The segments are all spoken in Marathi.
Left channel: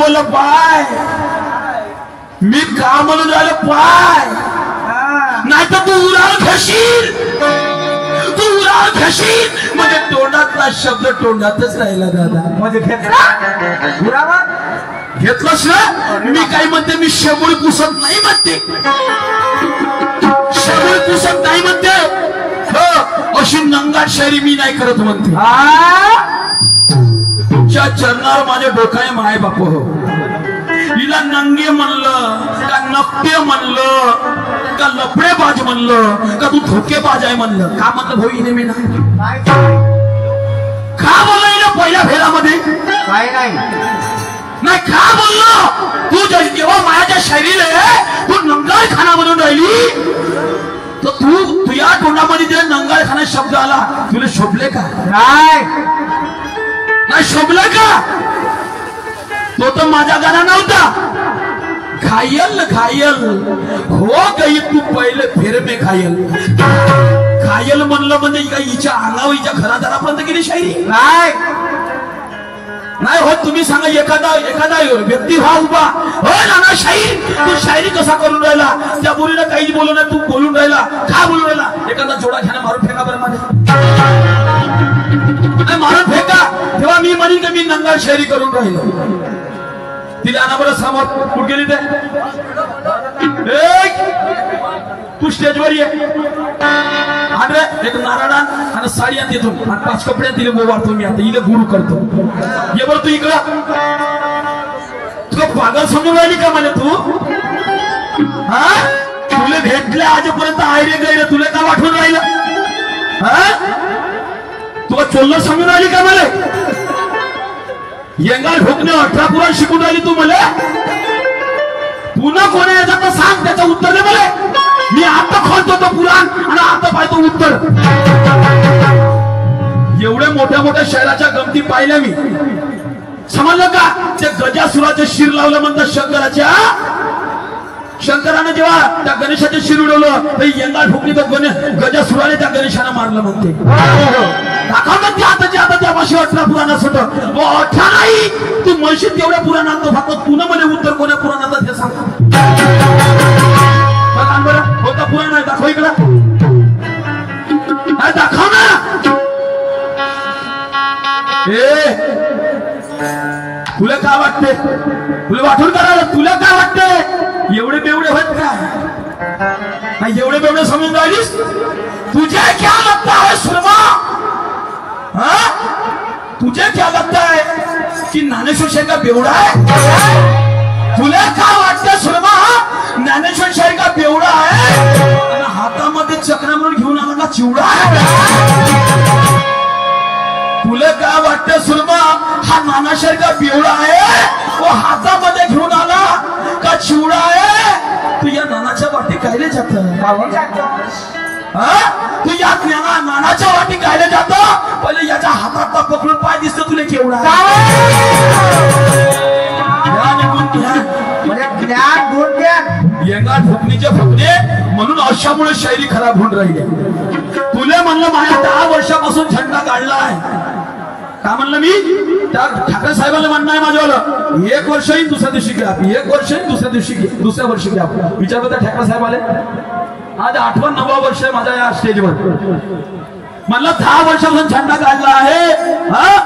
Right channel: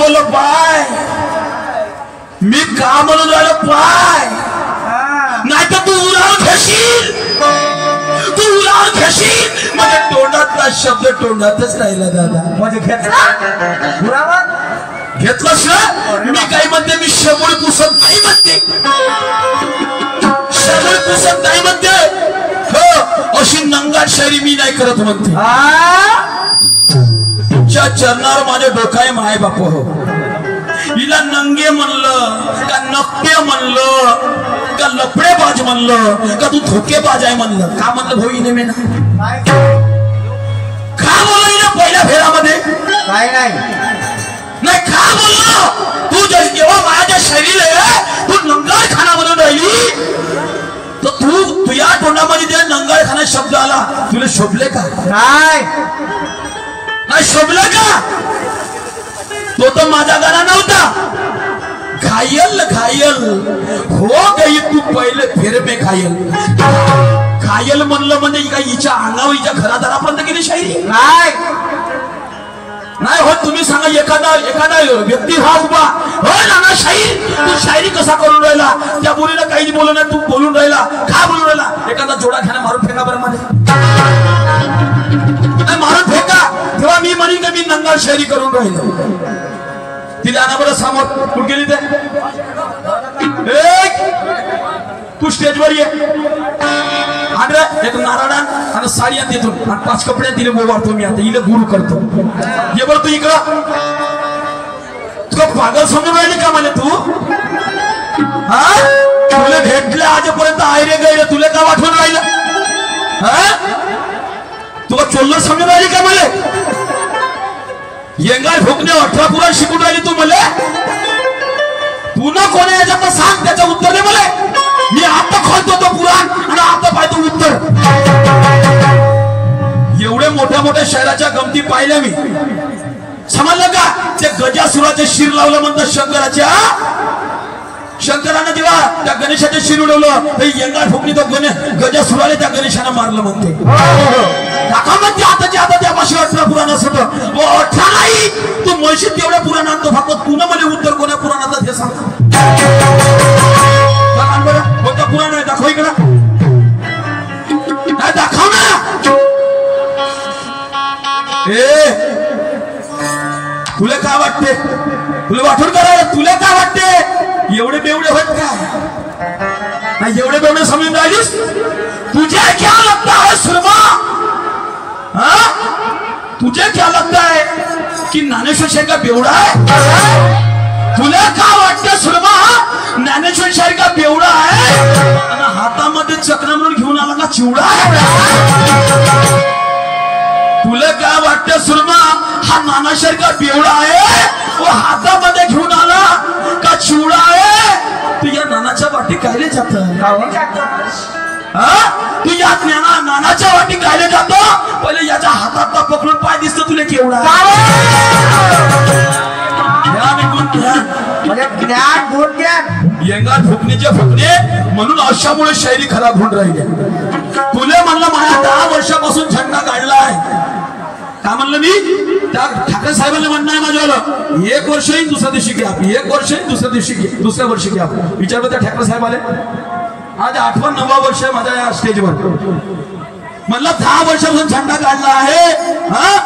बोललो पाय मी का म्हणून राहिलो पाय नाही तर तू उराव घेशील म्हणजे तोंडातला शब्द तोंडातच राहिला दादा म्हणजे घेतलंस ना मी काही म्हणते मी शबूळ पुसत नाही म्हणते शबूळ पुसत नाही म्हणते हो अशी नंगाट शायरी मी नाही करत म्हणते तुमच्या चरणावर माझे डोकाय माय बाप हो हिला नंगे म्हणलं का नकटे म्हणलं का लफडेबाज म्हणलं का तू धोकेबाज आहे म्हणलं का म्हणलं भाऊ हिने मी नाही का बोललो ना पहिल्या फेरामध्ये काय नाही का बोललो तू जेव्हा माझ्या शैलीला तू नंगाळ खाना म्हणून राहिली तर तू तुझ्या तोंडामध्ये जे नंगाळ खाना शब्द आला तुला शोभले का नाही शोभले का तो तर माझा गाणं नव्हता घायल हो गई तू पहिले फेर में घायल म्हणलं म्हणजे काय हिच्या अंगावर हिच्या घरादारापर्यंत गेली शायरी नाही हो तुम्ही सांगा एखादा व्यक्ती व्हा उभा हो नाना शाहीर तू शायरी कसा करून राहिला त्या बोलीला काहीच बोलू नाही तू बोलून राहिला का बोलून राहिला एखादा जोडा घ्या मारून फेका बरं मध्ये मारून फेका तेव्हा मी म्हणीन का मी नंगाळ शायरी करून राहिलो तिला आणा बरं समोर कुठे गेली ते तू स्टेजवर ये आंध्रे एक नारळान आणि साडी आणि देतो आणि 5 कपडे तिने बोवारतो मी आता इले गुरु करतो ये बरं तू इकडं तुला पागल समजून राहिली का मला तू हा तुला भेटले आजपर्यंत आयरे गैरे तुला का वाटून राहिलं हा तुला चोल्ल समजून राहिली का मला येंगाळ भोकणे 18 पुराण शिकून राहिली तू मला पुन्हा कोणी याच्यात सांग त्याचं उत्तर दे मला मी आता खोलतो तो पुराण आणि आता पाहतो उत्तर एवढे मोठ्या शहराच्या गमती पाहिल्या मी समजलं का ते गजासुराचे शिर लावलं म्हणतात शंकरानं जेव्हा त्या गणेशाचे शिर उडवलं ते यंगाळ फुकणी तो गजासुराने त्या गणेशानं मारलं म्हणते दाखव ना आता त्या भाषे 18 पुराण असत 18 नाही तू म्हशीत तेवढ्या पुराण आणतो फक्त पुन्हा मला उत्तर कोण्या पुराणात हे सांगतो होता पुराण आहे दाखव इकडं दाखव ना तुला काय वाटते तुला वाटून करायला तुला काय वाटते एवढे बेवडे होत का एवढे बेवडे समजून राहिलीस तुझे क्या लगता है सुरमा तुझे क्या लगता है कि ज्ञानेश्वर शाही का बेवडा है तुला काय वाटतं सुरमा ज्ञानेश्वर शाही का बेवडा आहे आणि हातामध्ये चक्र म्हणून घेऊन आला का चिवडा आहे तुला काय वाटतं सुरमा हा ज्ञानेश्वर का बेवडा आहे वो हातामध्ये घेऊन आला का चिवडा आहे तू या नानाच्या वाटी कायले जात तू या नानाच्या वाटी कायले जात पहिले याच्या हातात पकडून पाय दिसतो तुला केवढा येंगाळ फुकणीचे फुकणे म्हणून अशामुळे शायरी खराब होऊन राहिली तुले म्हणलं माझ्या 10 वर्षापासून झंडा काढलाय का म्हणलं मी त्या ठाकरे साहेबांना म्हणणं आहे माझ्यावालं 1 वर्ष येईल दुसऱ्या दिवशी घ्या 1 वर्ष येईल दुसऱ्या वर्षी घ्या विचार त्या ठाकरे साहेब आले आज 8वं 9वं वर्ष आहे माझ्या या स्टेजवर म्हणलं 10 वर्षापासून झंडा काढला आहे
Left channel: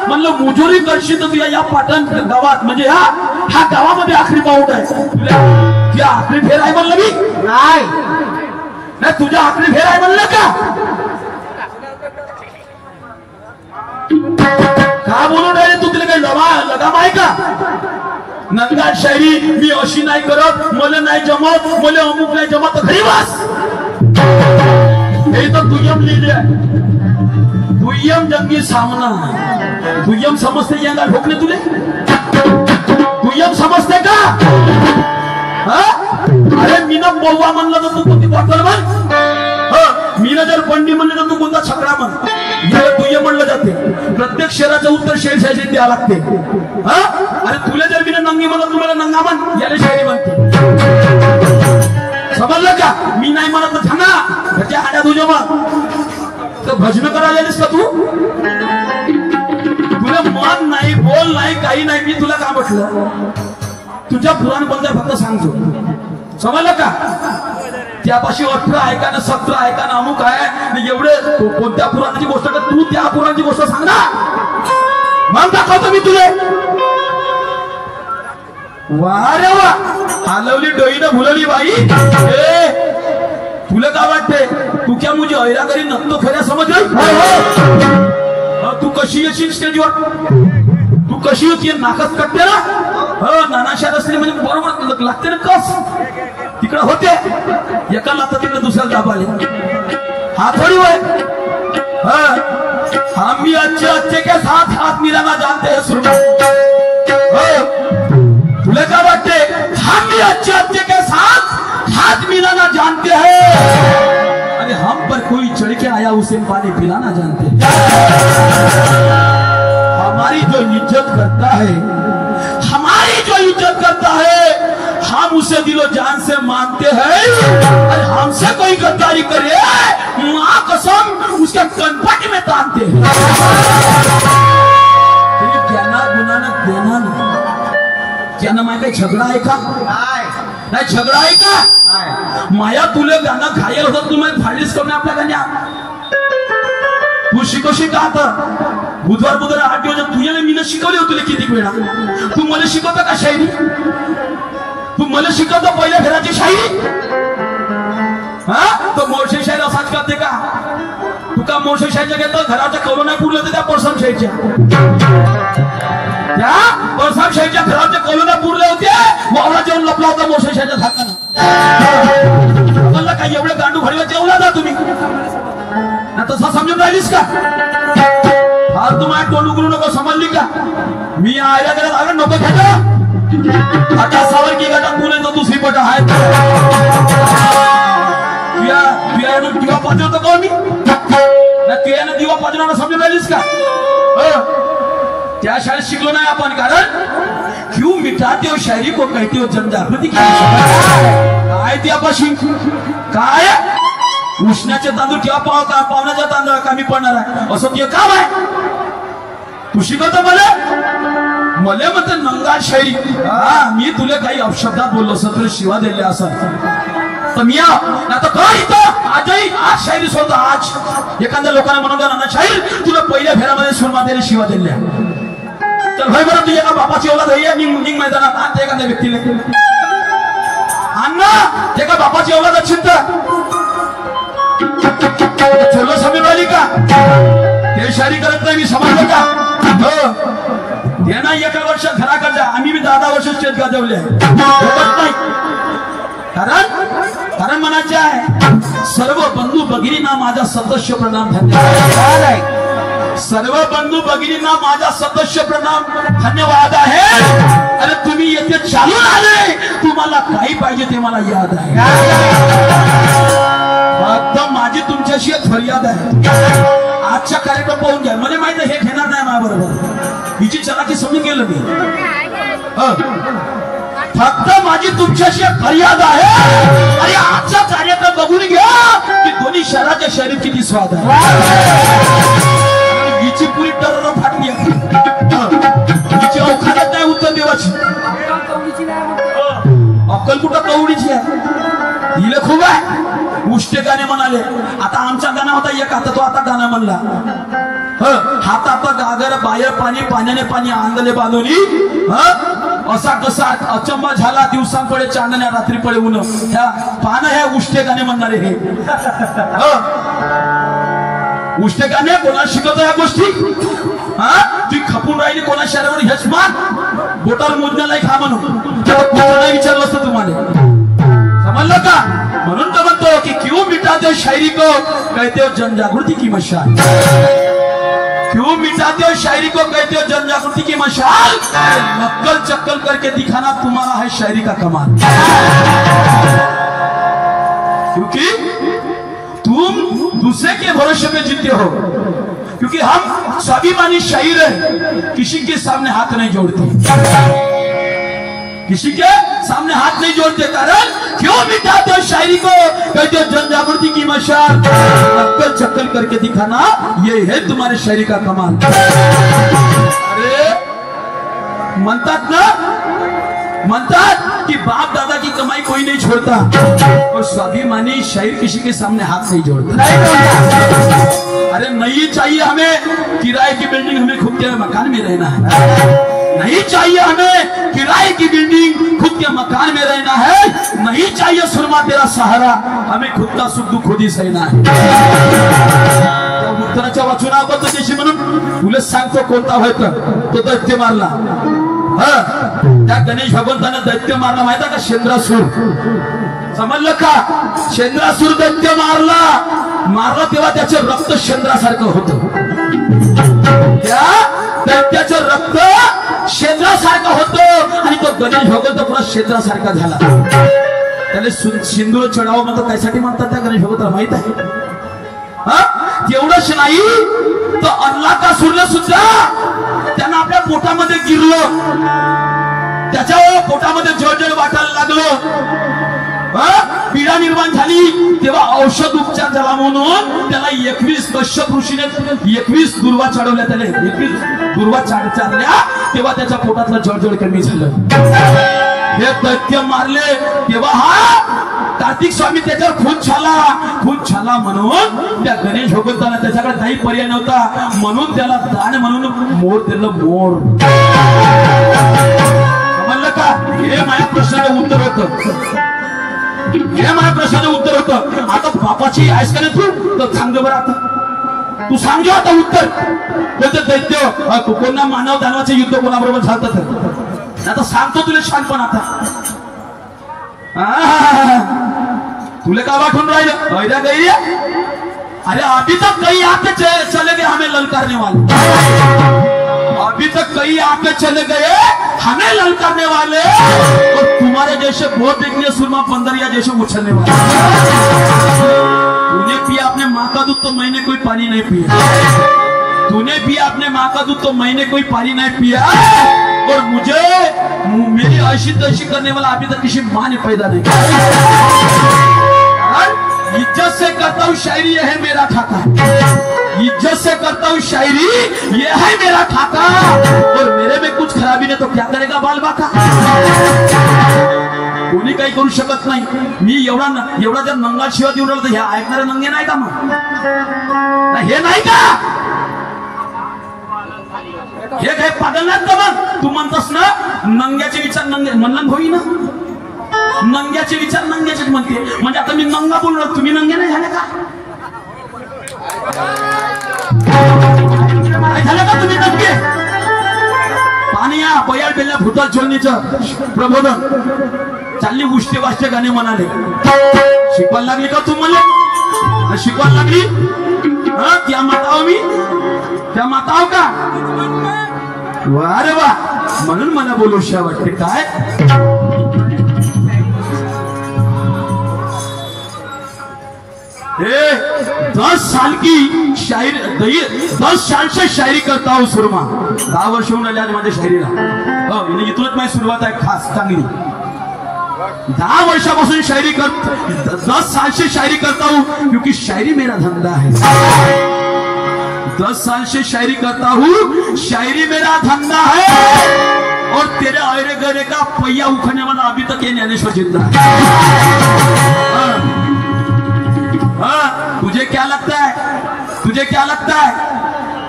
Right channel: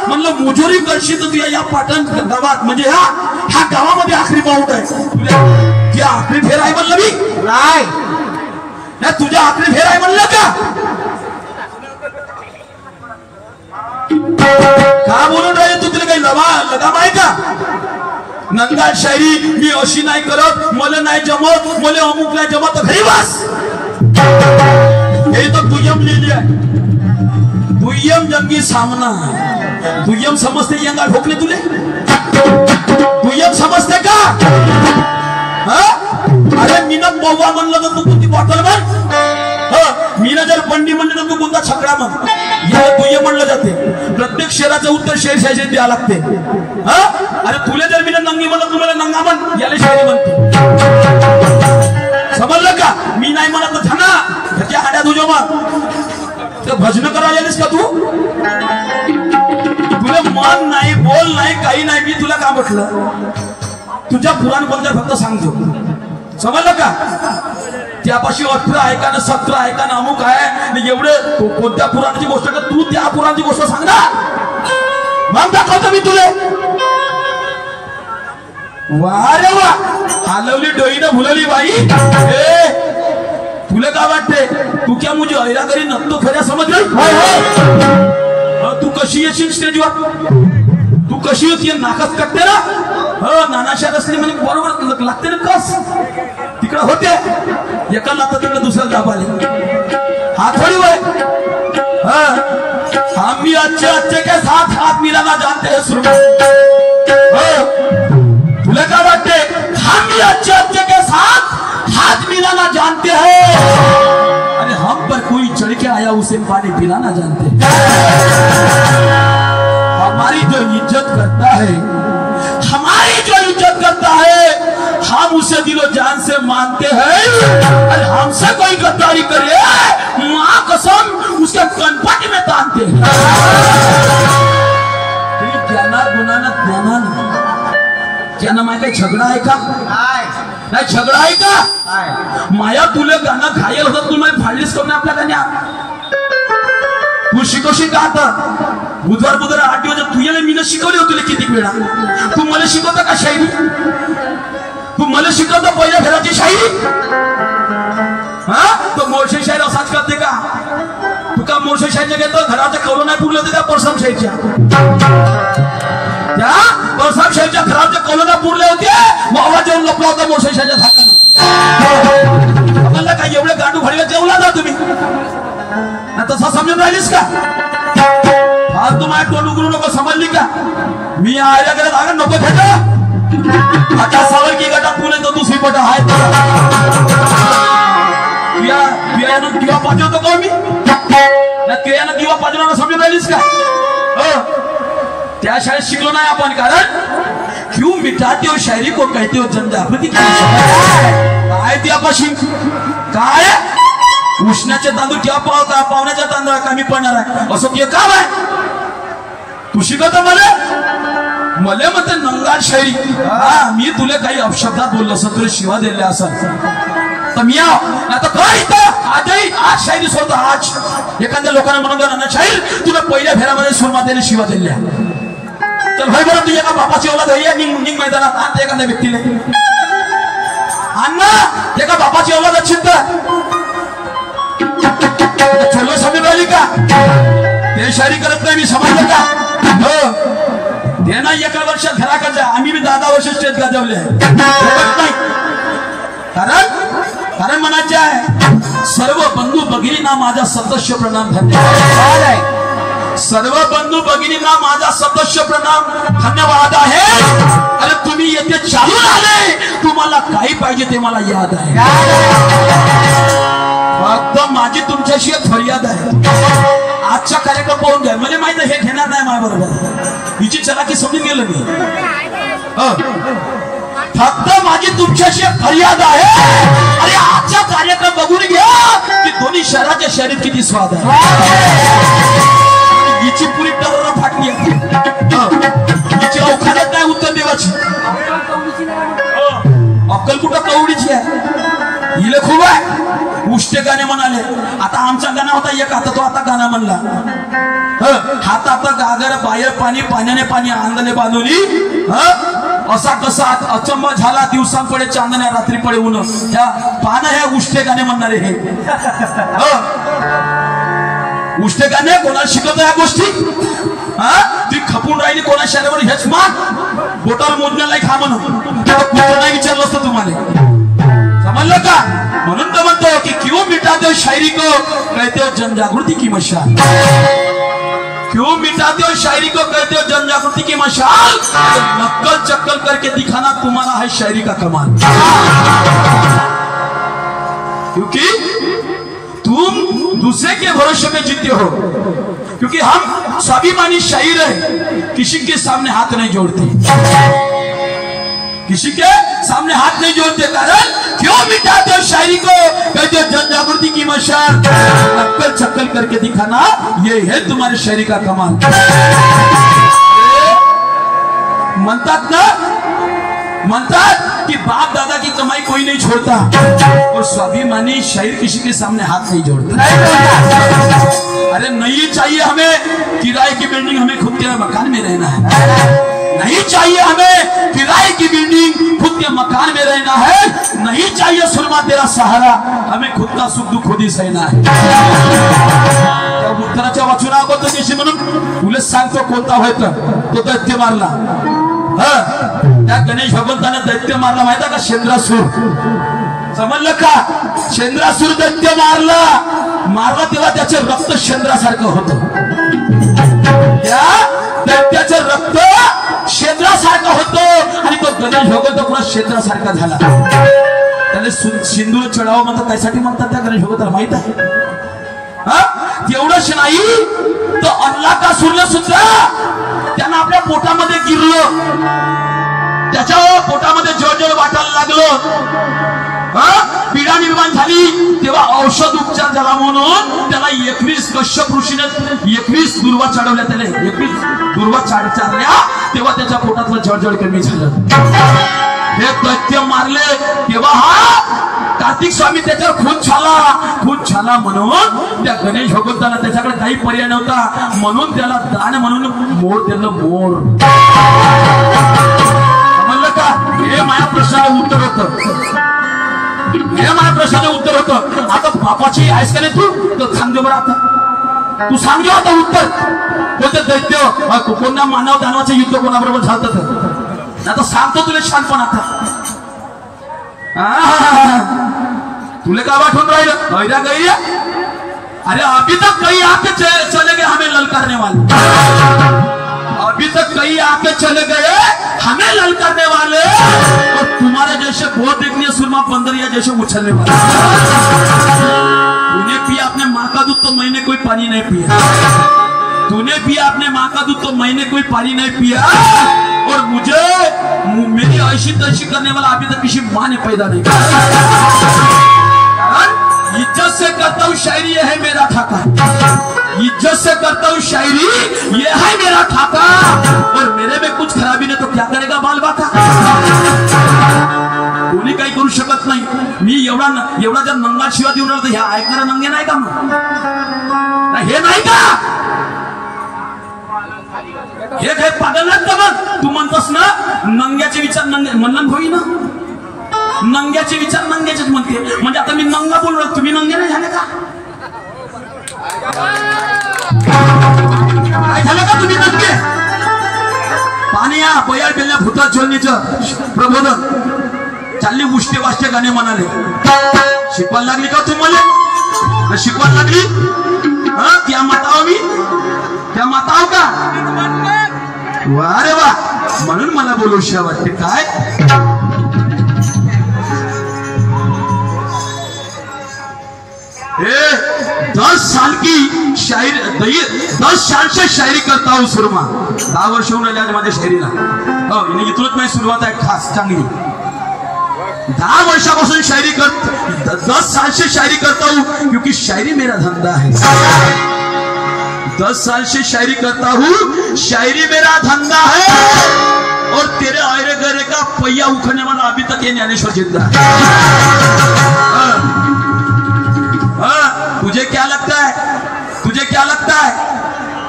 म्हणलं मुजुरी करशील तर तुझ्या या पाटण गावात म्हणजे ह्या गावामध्ये आखरी पाऊट आहे तुझ्या आखरी फेर आहे म्हणलं मी नाही तुझ्या आखरी फेर आहे म्हणलं का बोलून राहिले तू तुला काही लगाम आहे का नंगाळ शायरी मी अशी नाही करत मला नाही जमत मला अमुक नाही जमत घरी बस हे तर दुय्यम लिहिले आहे दुय्यम जंगी सामना दुय्यम समजते यंगा ठोकले तुले दुय्यम समजते का अरे मीना बव्वा म्हणलं तर तू कोणती बॉटल म्हण मीना जर बंडी म्हणलं तर तू कोणता छकडा म्हण याला दुय्यम म्हणलं जाते प्रत्येक शहराचं उत्तर शेर द्यावं लागते अरे तुला जर मीना नंगी म्हणलं तुम्हाला नंगा म्हण याला शायरी म्हणते समजलं का मी नाही म्हणत तर थांबा त्याच्या हाड्या तुझ्या मग तर भजन करायला आलीस का तू तुला मन नाही बोल नाही काही नाही मी तुला का म्हटलं तुझ्या पुराण कोणत्या फक्त सांगतो, समजलं का? त्यापाशी 18 ऐका ना 17 ऐका ना अमुक आहे एवढे कोणत्या पुराणाची गोष्ट का तू त्या पुराणाची गोष्ट सांग ना, मग दाखवतो मी तुले. वा रे वा, हलवली डोईनं भुलली बाई. तुला काय वाटते तू क्या मुझे ऐरा करी नक्तो खेळा समजली? तू कशी येशील स्टेजवर, तू कशी होती नाकच कटते ना. नानाशात असली म्हणजे बरोबर लागते ना कस. तिकडे होते एका लागतं तिकडे दुसऱ्या दाबाले हात थोडी वय. हम भी अच्छे अच्छे के साथ हाथ मिलाना जानते हैं सुन. तुला काय वाटते हम भी अच्छे अच्छे के साथ हाथ मिलाना जानते हैं, अरे हम पर कोई चढ़ के आया उसे पानी पिलाना जानते हैं. हमारी जो इज्जत करता है, हमारी जो इज्जत करता है हम उसे दिलो जान से मानते हैं. अरे हमसे कोई गद्दारी करे मां कसम उसका कनपटी में तानते हैं. ज्ञाना माहिती झगडा आहे का? नाही झगडा आहे का? माया तुला गाणं घायल होतं तू मला फाडलीस कोण आपल्या गाण्यात. तू शिकवशील का आता? बुधवार 8 दिवस तुझ्या मी शिकवले होते किती वेळा. तू मला शिकवता का शायरी? तू मला शिकवतो पहिल्या घराची शायरी? हा तो मोर्शे शायर असाच करते का? तू का मोर्शे शायरच्या घेतो घराच्या कौलं नाही पुरले होते त्या परसाम शाहीच्या, त्या परसाम शाहीच्या घराच्या कौलं नाही पुरले होते. वावला जेवण लपला होता मोर्शे शायरच्या हाताने. आपल्याला काय एवढे गांडू भडवे जेवला ना तुम्ही ना तसा समजून राहिलीस का? फालतू माझ्या तोंड उघडू नको समजली का? मी आल्याकडे लागत नको खेळा. आता सावर की गटात बोले तो दुसरी पट आहे दिवा पाजवतो का मी? दिवा पाजवणार समजून राहिलीस का? त्या शाळेत शिकलो नाही आपण. कारण क्यों मिटाते हो शायरी को कहते हो जनजागृती. काय त्यापाशी काय उष्णाचे तांदूळ किंवा पावण्याच्या तांदूळ कमी पडणार आहे असं ते काम आहे. तू शिकवतो मला म्हणते नंगाळ शायरी. मी तुला काही अपशब्दात बोललो असं तुला शिवा दिल्या असं तर मी आता काय इथं आजही आज शायरी सोडतो. आज एखाद्या लोकांना म्हणून ना शाहीर तुला पहिल्या फेऱ्यामध्ये सुरमातेने शिवा दिल्या तर भाई बरं तुझ्या का बापाची ओळख आहे निघ मैदानात आणते एखाद्या व्यक्तीला अण्णा ते का बापाची ओळख चिंत छोलो समजून राहिली का? ते शायरी करत नाही मी समजलं का? हे नाही 1 वर्ष घराकडच्या आम्ही बी 10 वर्ष स्टेज गाजवले नाही. कारण म्हणायचे आहे सर्व बंधू भगिनींना माझा सदस्य प्रणाम धन्यवाद. सर्व बंधू भगिनींना माझा सदस्य प्रणाम धन्यवाद आहे. अरे तुम्ही येथे चालून आले तुम्हाला काही पाहिजे ते मला याद आहे. फक्त माझी तुमच्याशी एक फरियाद आहे. आजचा कार्यक्रम पाहून घ्या. मला माहित आहे हे घेणार नाही माझ्या बरोबर. हिची चलाकी समजून गेलं मी. फक्त माझी तुमच्याशी फरियाद आहे. अरे आजचा कार्यक्रम बघून घ्या की दोन्ही शहराच्या शहरीत किती स्वाद आहे. हिची पुरी टर फाटली आहे. हिची अवखाद्यात नाही उत्तर देवाची. अक्कल कुठं कवडीची आहे. हिला खूप आहे. उष्टे गाणे म्हणाले. आता आमचा गाणं होता एक आता तो आता गाणं म्हणला. हातात गागर बाहेर पाणी पाण्याने पाणी आंधळे बांधवली. असा कसा अचंबा झाला दिवसांकडे चांदण्या रात्री पडे ऊन. ह्या पानं हे उष्टे गाणे म्हणणारे हे उष्टे गाणे कोणाला शिकवतो या गोष्टी? ती खपून राहिली कोणा शहरावर हेच मान बोटावर मोजण्याला खा म्हणून नाही विचारलं असतं तुम्हाला. समजलं का? म्हणून तो म्हणतो की क्यों मिटाते हो शायरी को कहते हो जनजागृती की मशाल. क्यों मिटाते हो शायरी को कहते हो जनजागृती की मशाल. नक्कल चक्कल करके दिखाना तुम्हारा है शायरी का कमाल. क्योंकि तुम दूसरे के भरोसे पे जीते हो. क्योंकि हम स्वाभिमानी शायर है. किसी के सामने हाथ नहीं जोड़ते. किसी के सामने हाथ नहीं जोड़ते. कारण क्यों मिटाते हो शायरी को कहते हो जनजागृती की मशाल. नक्कल चक्कल करके दिखाना ये है तुम्हारे शायरी का कमाल. म्हणतात ना म्हणतात कि बाप दादा की कमाई कोई नहीं छोड़ता और स्वाभिमानी शायर किसी के सामने हाथ नहीं जोड़ता। अरे नहीं चाहिए हमें किराए की बिल्डिंग, हमें खुद के मकान में रहना है। नहीं चाहिए हमें किराए की बिल्डिंग, खुद के मकान में रहना है। नहीं चाहिए सुरमा तेरा सहारा, हमें खुद का सुख दुख खुद ही सहना है। उत्तराच्या वाचनाबद्दल जशी म्हणून तुला सांगतो कोणता व्हायचं तो दैत्य मारला। त्या गणेश भगवंताने दैत्य मारला माहिती का? शेंद्रासूर, समजलं का? शेंद्रासूर दैत्य मारला तेव्हा त्याचे रक्त शेंद्रासारखं होतं। त्या दैत्याचं रक्त शेंद्रासारखं होतं आणि तो गणेश भगवंत पुरा शेंद्रासारखा झाला। त्याने सिंदूर चढावं म्हणतात, त्यासाठी म्हणतात त्या गणेश भगवंताला माहित आहे। तेवढंच नाही तर अन्नाकासूरला सुद्धा त्यांना आपल्या पोटामध्ये गिरलं, त्याच्या पोटामध्ये जळजळ वाटायला लागलं, पीडा निर्माण झाली। तेव्हा औषध उपचार झाला म्हणून त्याला 21 कश्यप ऋषीने 21 दुर्वा चढवल्या, त्याने 21 दुर्वा चढवल्या तेव्हा त्याच्या पोटातलं जळजळ कमी झालं। हे दैत्य मारले तेव्हा हा कार्तिक स्वामी त्याच्यावर खून छाला म्हणून त्या गणेश भगवंताला त्याच्याकडे काही पर्याय नव्हता म्हणून त्याला दान म्हणून मोर दिलं। मोर समजलं का? हे माझ्या प्रश्नाला उत्तर होतं, हे माझ्या प्रश्नाला उत्तर होतं। आता बापाची आहेस का नाही तू? तर सांग दे बरं, आता तू सांग दे आता उत्तर। कोणते दैत्य कोणा मानव दानवाचे युद्ध कोणाबरोबर झालं? आता सांगतो तुला शांतपण। आता तुले का बाठून राहिलं? अरे अभी तक कई आके चले गए हमें ललकारने वाले, अभी तक कई आके चले गए हमें ललकारने वाले, और तुम्हारे जैसे बहुत देखने सुरमा बंदरिया जैसे उछलने वाले। तूने पिया अपने माँ का दूध तो मैंने कोई पानी नहीं पिया, तूने पिया अपने माँ का दूध तो मैंने कोई पानी नहीं पिया, और मुझे मेरी ऐसी तैसी करने वाला अभी तक किसी माँ ने पैदा नहीं किया। इज्जत से करता हूँ शायरी, ये है मेरा खाका। इज्जत से करता हूँ शायरी, ये है मेरा खाका, और मेरे में कुछ खराबी नहीं तो क्या करेगा बाल बाका? कोणी काही करू शकत नाही। मी एवढा जर नंगा शिवा देऊन राहिलो तर ह्या ऐकणारे नंगे नाही का? मग हे नाही का? हे काय पागल नाही का? मग तू म्हणतोस ना नंग्याचे विचार नंगे म्हणलं होई ना, नंग्याचे विचार नंग्याचेच म्हणते। म्हणजे आता मी नंगा बोललो, तुम्ही नंगे नाही झाले का? काय झालं का तुम्ही नंगे? पाणी या बयाळ बेल्या भूतात ज्वलनेचं प्रबोधन चालली, उष्टे वाष्टे गाणे म्हणाले। शिकवायला लागली का तुम्हाला? शिकवायला लागली? त्या माताव मी त्या माताव का? वा रे वा, म्हणून मला बोलूशा वाटते। काय ए 10 साल की शायरी, 10 साल से शायरी करता हूँ सुरमा। 10 वर्ष होऊन राहिले माझ्या शायरीला। हो, इथूनच माझी सुरुवात आहे खास चांगली। 10 वर्षापासून शायरी 10 साल से शायरी करता हूँ, क्योंकि शायरी मेरा धंधा है। 10 साल से शायरी करता हूँ, शायरी मेरा धंधा है, और तेरे आयरे गरे का पहिया उखड़ने वाला अभी तक ये ज्ञानेश्वर जिंदा है। तुझे क्या लगता है? तुझे क्या लगता है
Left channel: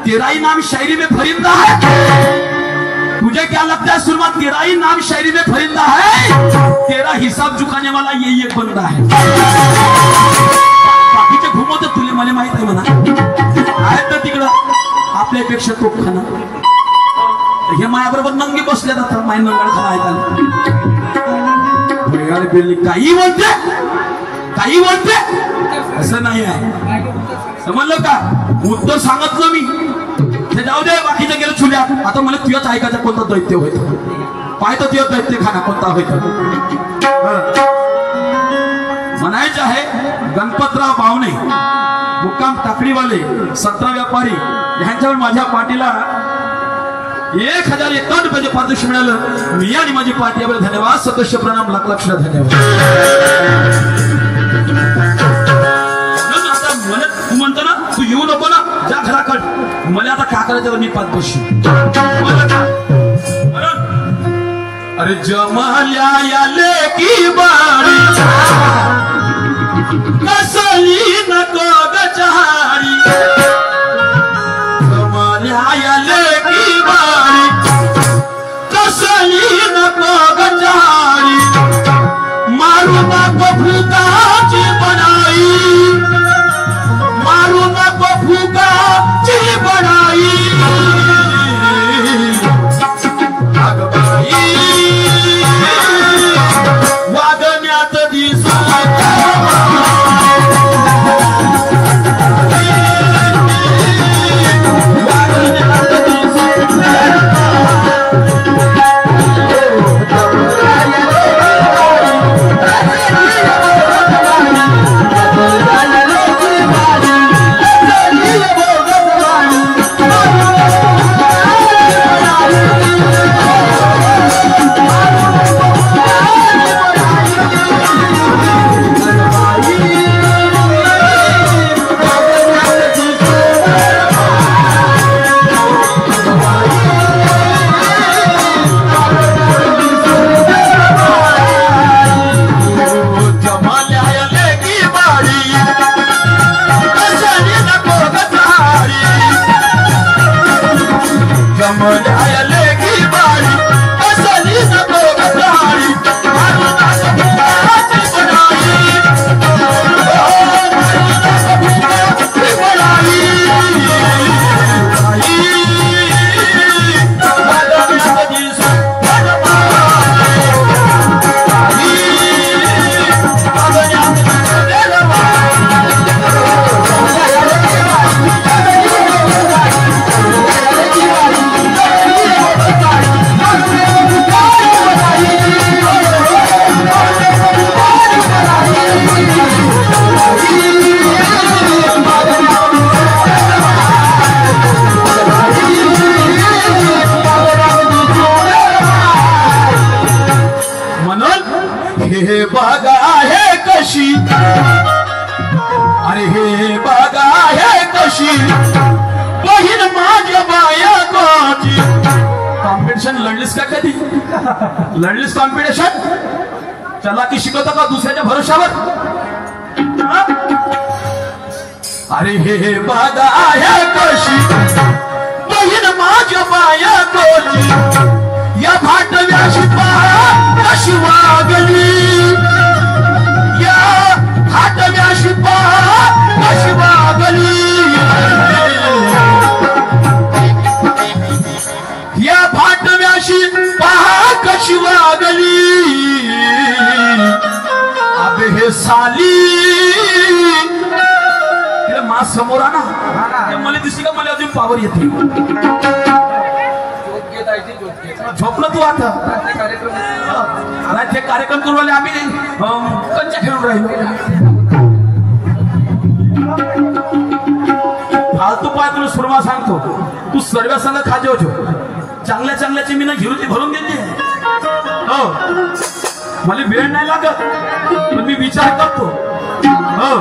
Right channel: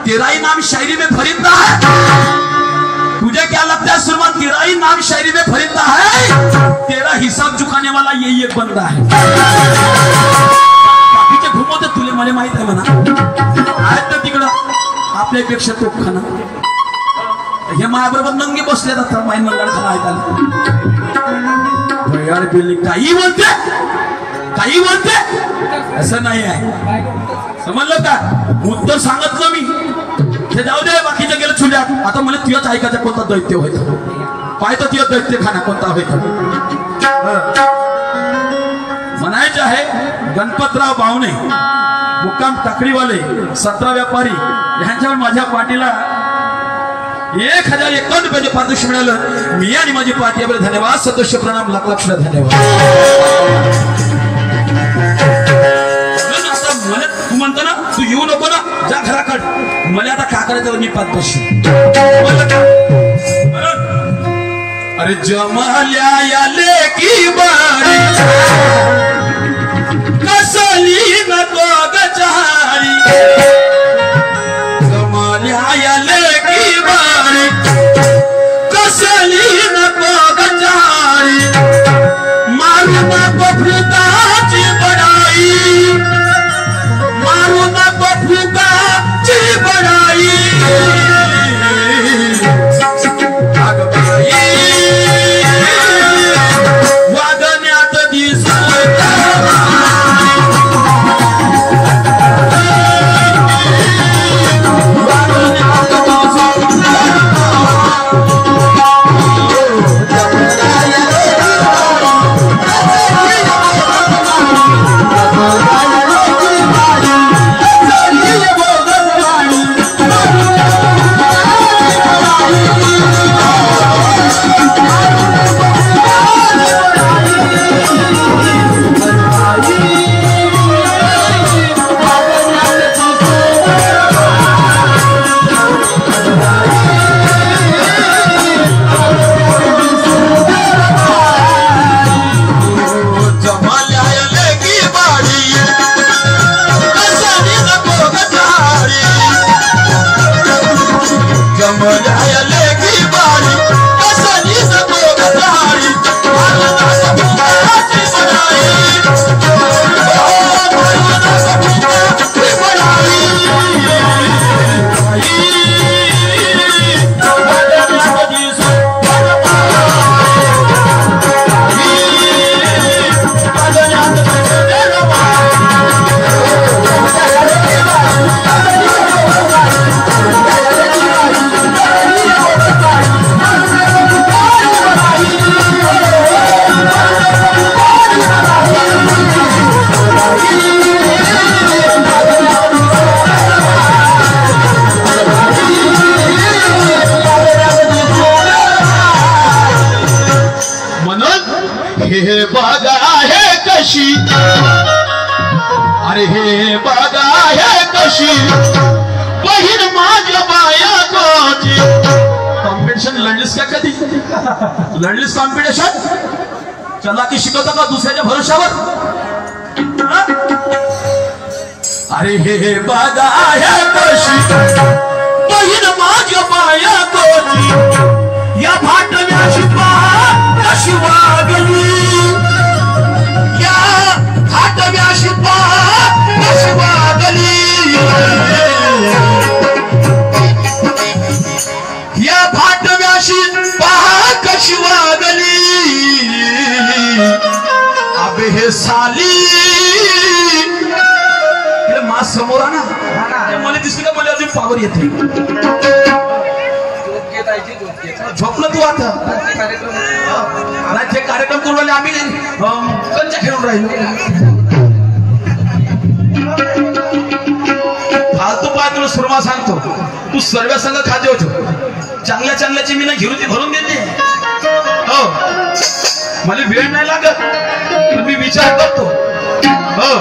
तेरा ही नाम शायरी में फरिंदा है? तुझे क्या लगता है सुरमा तेरा ही नाम शायरी में फरिंदा है? तेरा हिसाब चुकाने वाला यही एक बंदा है। बाकीचे घुमवते तुले मला माहित आहे म्हणा, आहेत ना तिकडं आपल्यापेक्षा तोफखाना। हे माझ्याबरोबर नंगे बसले जातात, माय नंगाळ खाना ऐकायला। काही बोलते, काही बोलते, असं नाही आहे। समजलं का? उत्तर सांगितलं मी, ते जाऊ दे, बाकीचं गेलं चुल्यात। आता मला तुझ्याच ऐकायचं कोणता दैत्य होतं, पाहतो तुझ्या दैत्य खाना कोणता होतं। म्हणायचं आहे गणपतराव बावणे, मुक्काम टाकडीवाले, 17 व्यापारी यांच्यावर माझ्या पार्टीला 1051 रुपयाचे पारितोषिक मिळालं। मी आणि माझी पार्टी याबद्दल धन्यवाद, सदस्य प्रणाम, लाख लाख धन्यवाद। तू म्हणतो ना तू येऊ नको ना, जा घराकड, मला आता का करायचं मी पाच बशी। अरे जमाल्या या लेकी बारी कसली नको गचारी जमाल्या या लेकी बारी कसली नको गचारी मारू नको फुकाची बनाई मारू नको फुकाची बनाई हे बागा है कशी अरे हे बागा है कशी बहीण माझ्या बायकोची कॉम्पिटिशन लढलीस का कधी लढलीस कॉम्पिटिशन चला की शिकवता का दुसऱ्याच्या भरोशावर अरे हे बागा है कशी बहीण माझ्या बायकोची या भाटव्याशी कशी वागली या भाटव्याशी कशी वागली या भाटव्याशी कशी वागली अबे हे साली मा समोर ना मला दिसली का मला अजून पावर येते झोपलं तू आता राज्य कार्यक्रम करू राहिले आम्ही कंचा खेळून राहिलो फालतू पाय तुला सुरमा सांगतो तू सर्व संघ खाते होतो चांगल्या चांगल्याची मी ना घिरुती भरून देते हो मला वेळ नाही लागत पण मी विचार करतो हो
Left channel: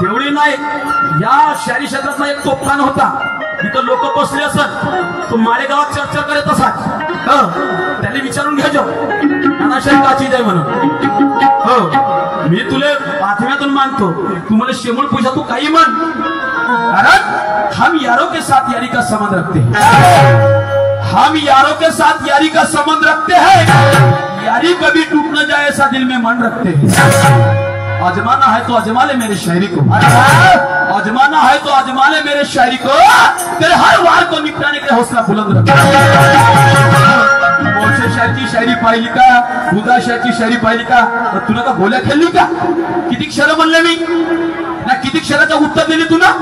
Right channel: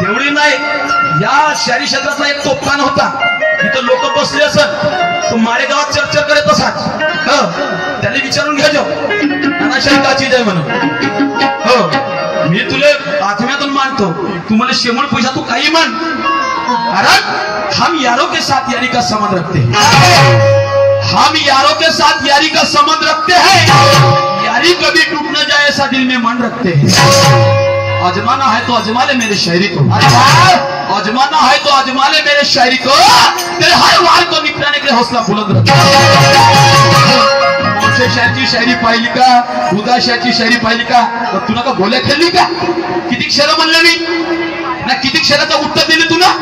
तेवढी नाही या शहरी क्षेत्रातला एक तोफखाना होता इथं लोक बसले असत तो मारेगावात चर्चा करत असाच त्याला विचारून घ्या जाऊ नानाशाही काची जाय म्हणून हो मी तुले आत्म्यातून मानतो तू मला शेमण पैसा तू काही मान कारण हम यारों के साथ यारी का संबंध रखते हैं हम यारों के साथ यारी का संबंध रखते हैं यारी कभी टूट न जाए ऐसा दिल में मन रखते हैं आजमाना है तो आजमा ले मेरे शायरी को आजमाना है तो आजमा ले मेरे शायरी को तेरे हर वार को निपटाने के हौसला बुलंद रखा मोर्चे शहर की शायरी पाहिली का उदा शहर की शायरी पाहिली का तुला का भोल्या खेळली का किती क्षर म्हणले मी ना किती क्षराचं उत्तर दिली तुला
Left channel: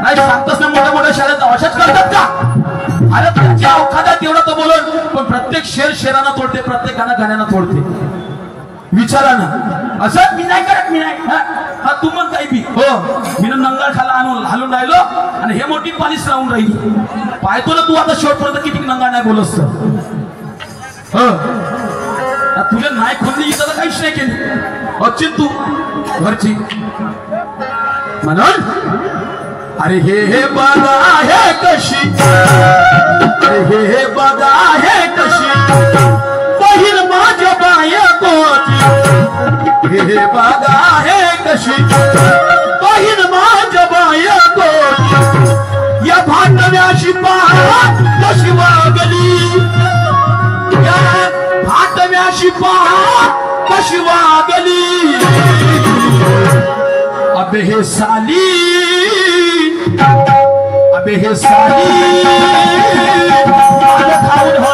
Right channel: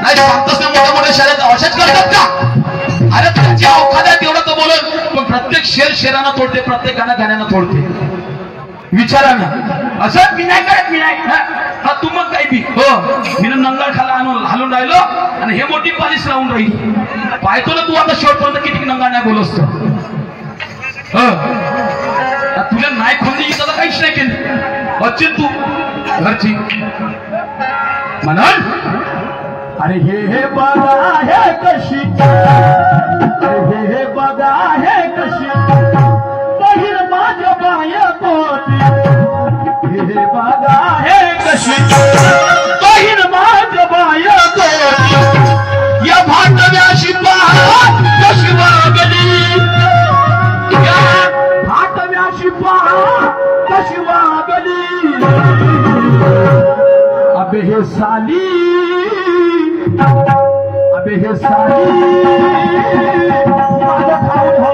नाही सांगतोस ना मोठ्या मोठ्या शहरात अशाच करतात का अरे त्याच्या अवकाशात तेवढा तो बोलत पण प्रत्येक शेर शेरानं तोडते प्रत्येक गाणं गाण्यानं तोडते विचारा ना असं मी नाही करत मी नाही हा तू मग काही बी हो मी नंगाळ खाला आणून हालून राहिलो आणि हे मोठी पालिश लावून राहिली पाहतो ना तू आता शेवटपर्यंत किती नंगाळ नाही बोलस तुला नाही खोली इथं तर काहीच नाही केली अचित तू घरची म्हणून अरे हे बघा हे कशी, हे बघा हे कशी बहीण माझ्या बायकोची, हे बघा हे कशी बहीण माझ्या बायकोची, या भांडव्याशी पहा कशी वागली, या भांडव्याशी पहा कशी वागली, अबे हे साली, अबे हे साली माल खाऊन हो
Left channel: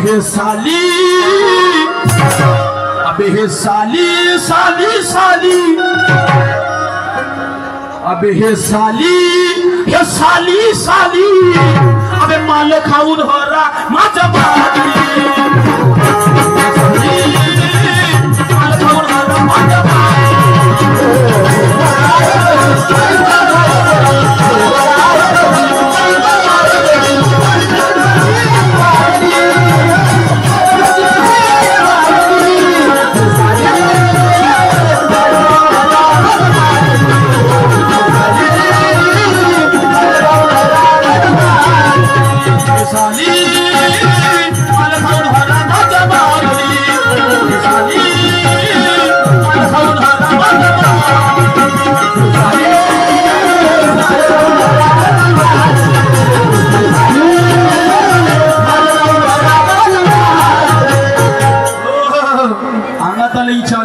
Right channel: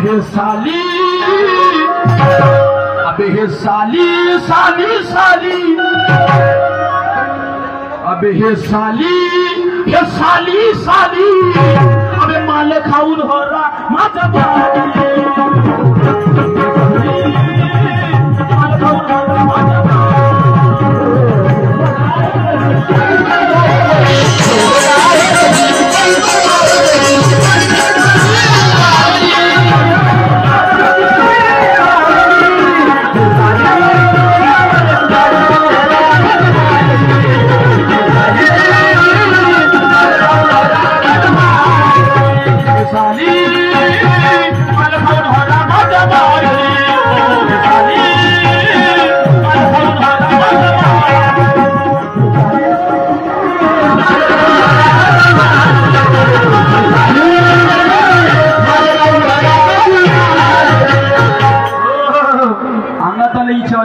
हे साली, अबे हे साली साली साली, अबे हे साली, हे साली साली, अबे माल खाऊन हो रा माझ्या बाली, माल खाऊन हो रा माझ्या बाली,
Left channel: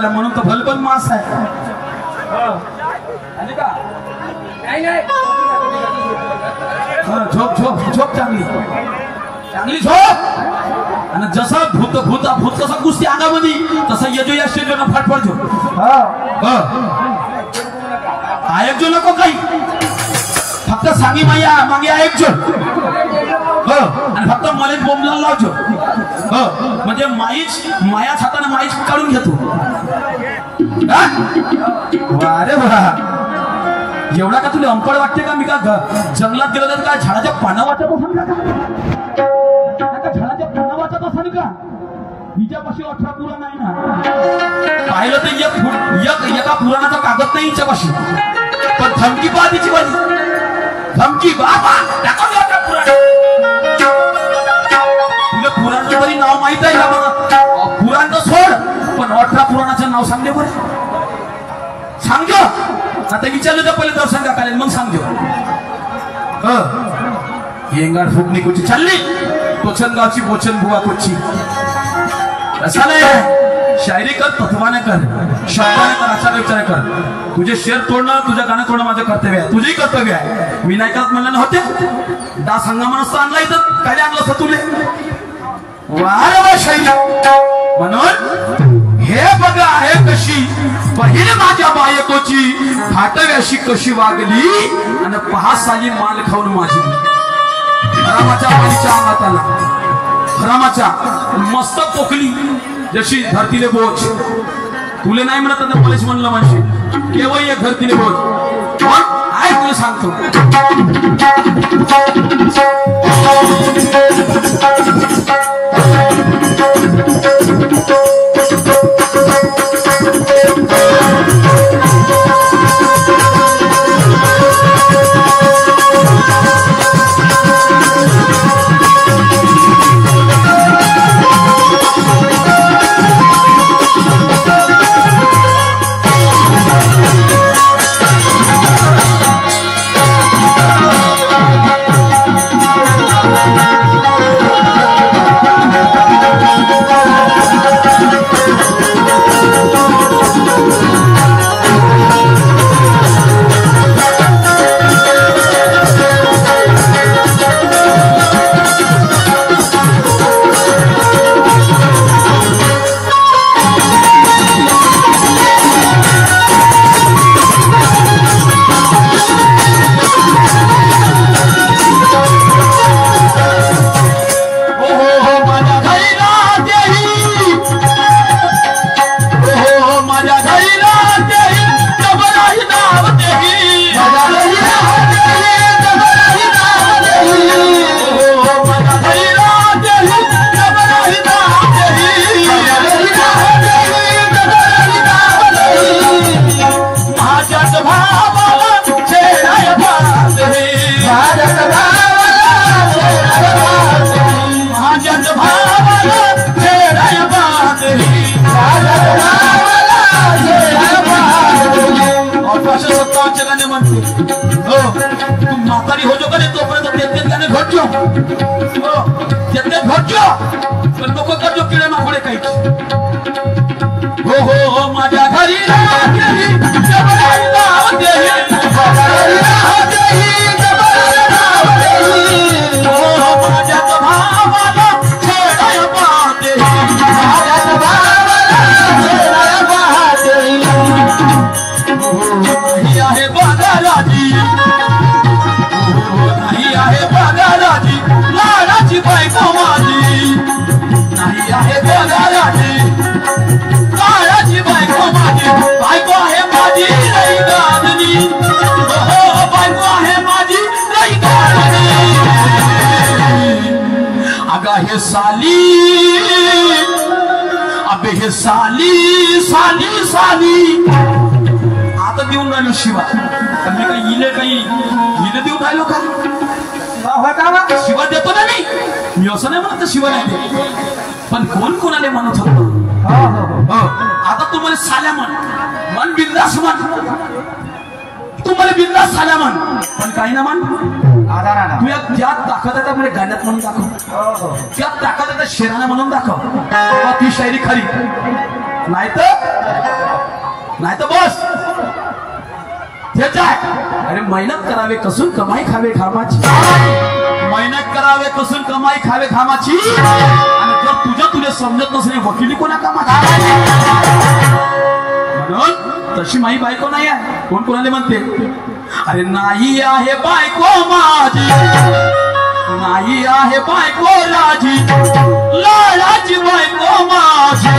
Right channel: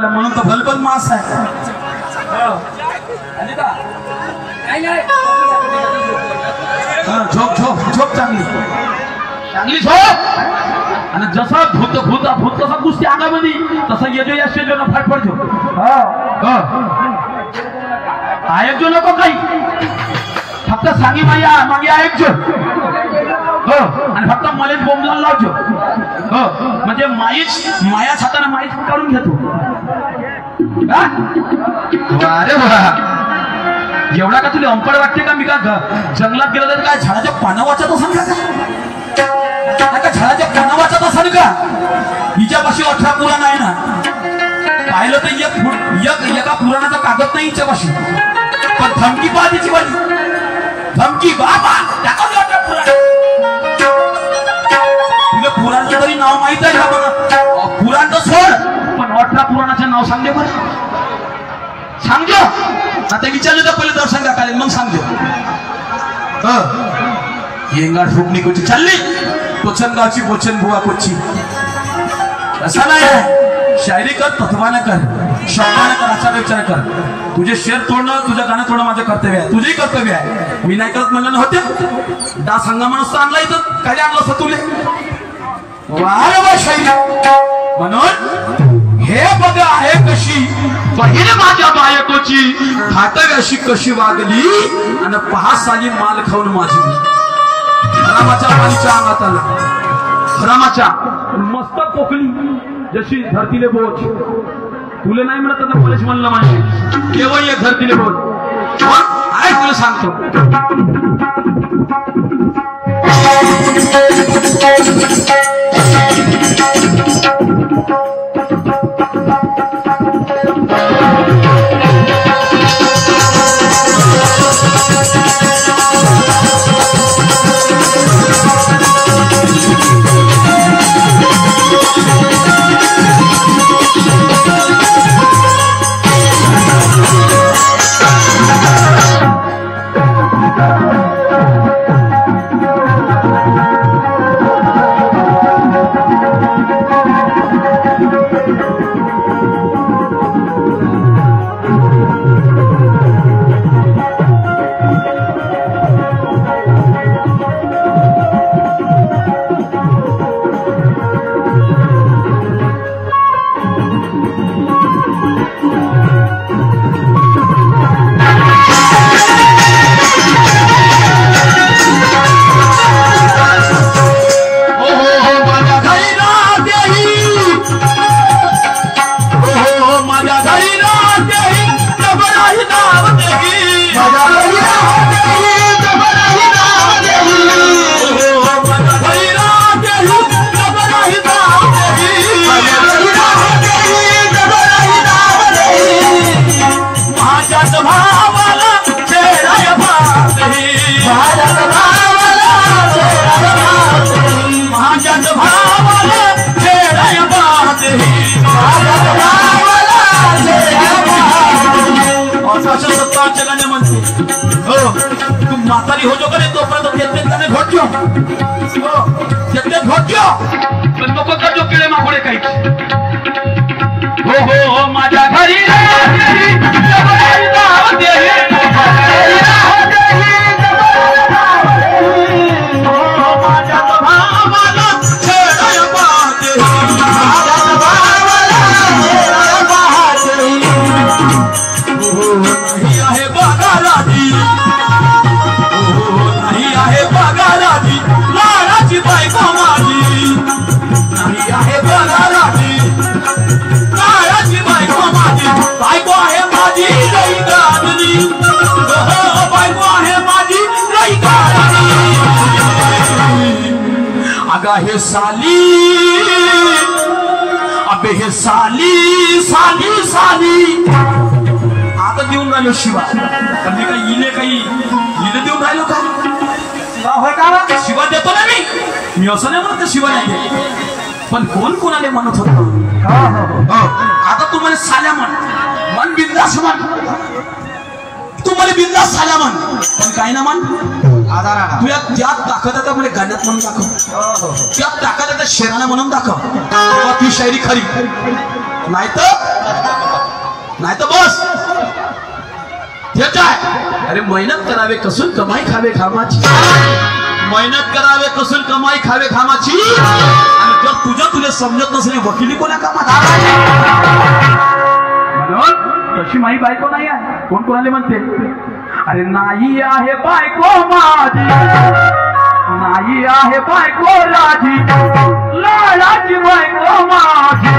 म्हणून तो भलबन मास आहे. झोप झोप झोप चांगली चांगली झोप. आणि जसा भूत भूत भूत कसा कुस्ती अंगामध्ये तसा येजो या शेजो ना फटफट झोप. ऐकजो नको काही, फक्त सांगी माया मागे ऐकजो. आणि फक्त मला बोंबला लावजो. म्हणजे माईच मायाच हाताने माईच काढून घेतो. अरे वा, एवढा का तुला अंपड वाटते का? मी का जंगलात गेलो तर काय झाडाच्या पानं वाचत असाल का? झाडाच्या पानं वाचत असाल का? हिच्यापाशी 18 पुराण आहे ना. पाहिलं तर एका पुराणाचा कागद नाही हिच्यापाशी. पण धमकी पहा तिची वाली, धमकी बाबा टाकून 18 पुराण. तुला पुराणाचं तरी नाव माहित आहे का? बघा पुराण तर सोड, पण 18 पुराणाचं नाव सांगले बरं. सांगजो आता विचारलं तर पहिले दर्शन टाकाले मग सांगजो. येंगाड फुकणी कोची चालली कोचन गावची कोचन बुवा कोची. असा नाही, शायरी कर, तत्वाने कर, शब्दाने कर, आचार विचार कर. तुझे शेर तोडणं, तुझं गाणं तोडणं माझं कर्तव्य आहे, तुझेही कर्तव्य आहे. मी नाही करत म्हणलं नव्हते. दास हंगामा नसतं आणला इथं, काय आणलं असतं तुले? वारंवार शायरी म्हणून हे बघा आहे कशी बहीण माझ्या बायकोची, खाटव्याशी कशी वागली, आणि 5 साली माल खाऊन माझी. हरामाच्या पाणीच्या अंगात आला, हरामाच्या मस्त पोकली जशी धरतीले बोज. तुले नाही म्हणत आता मलाच म्हणलं म्हणजे केव्हा ये धरतीले बोज. आहे तुला सांगतो. भावाला छेडाय बांधे माझ्याच भावाला छेडाय बांधे 1857 गाणे म्हणते हो तू म्हातारी हो जो का तोपर्यंत तेच गाणे घोटलो हो तेच घोटलो पण लोक करतो किडे माकोडे काही हो हो माझ्या घरी हे साली अबे हे साली साली साली आता देऊन राहिलो शिवा पण मी काही इले देऊन राहिलो का शिवा देतो ना मी असं नाही म्हणत शिवा नाही देत पण कोण कोणाला म्हणत होतो आता तुम्हाला साल्या मन बिंदास म्हण तुम्हाला बिंदास साल्या म्हण पण काय ना म्हण तुझ्या ज्यात ताकद आहे त्यामुळे गाण्यात म्हणून दाखव त्यात ताकद आहे त्या शेराने म्हणून दाखव ती शायरी खरी नाही तर बस हेच आहे अरे मेहनत करावे कसून कमाई खावे खामाची मेहनत करावे कसून कमाई खावे खामाची आणि जर तुला समजत नसेल वकिली कोणा कामाची म्हणून तशी माई बायको नाही आहे कोण कोणाला म्हणते अरे नाही आहे बायको माझी नाही आहे बायको राजी लाडाची बायको माझी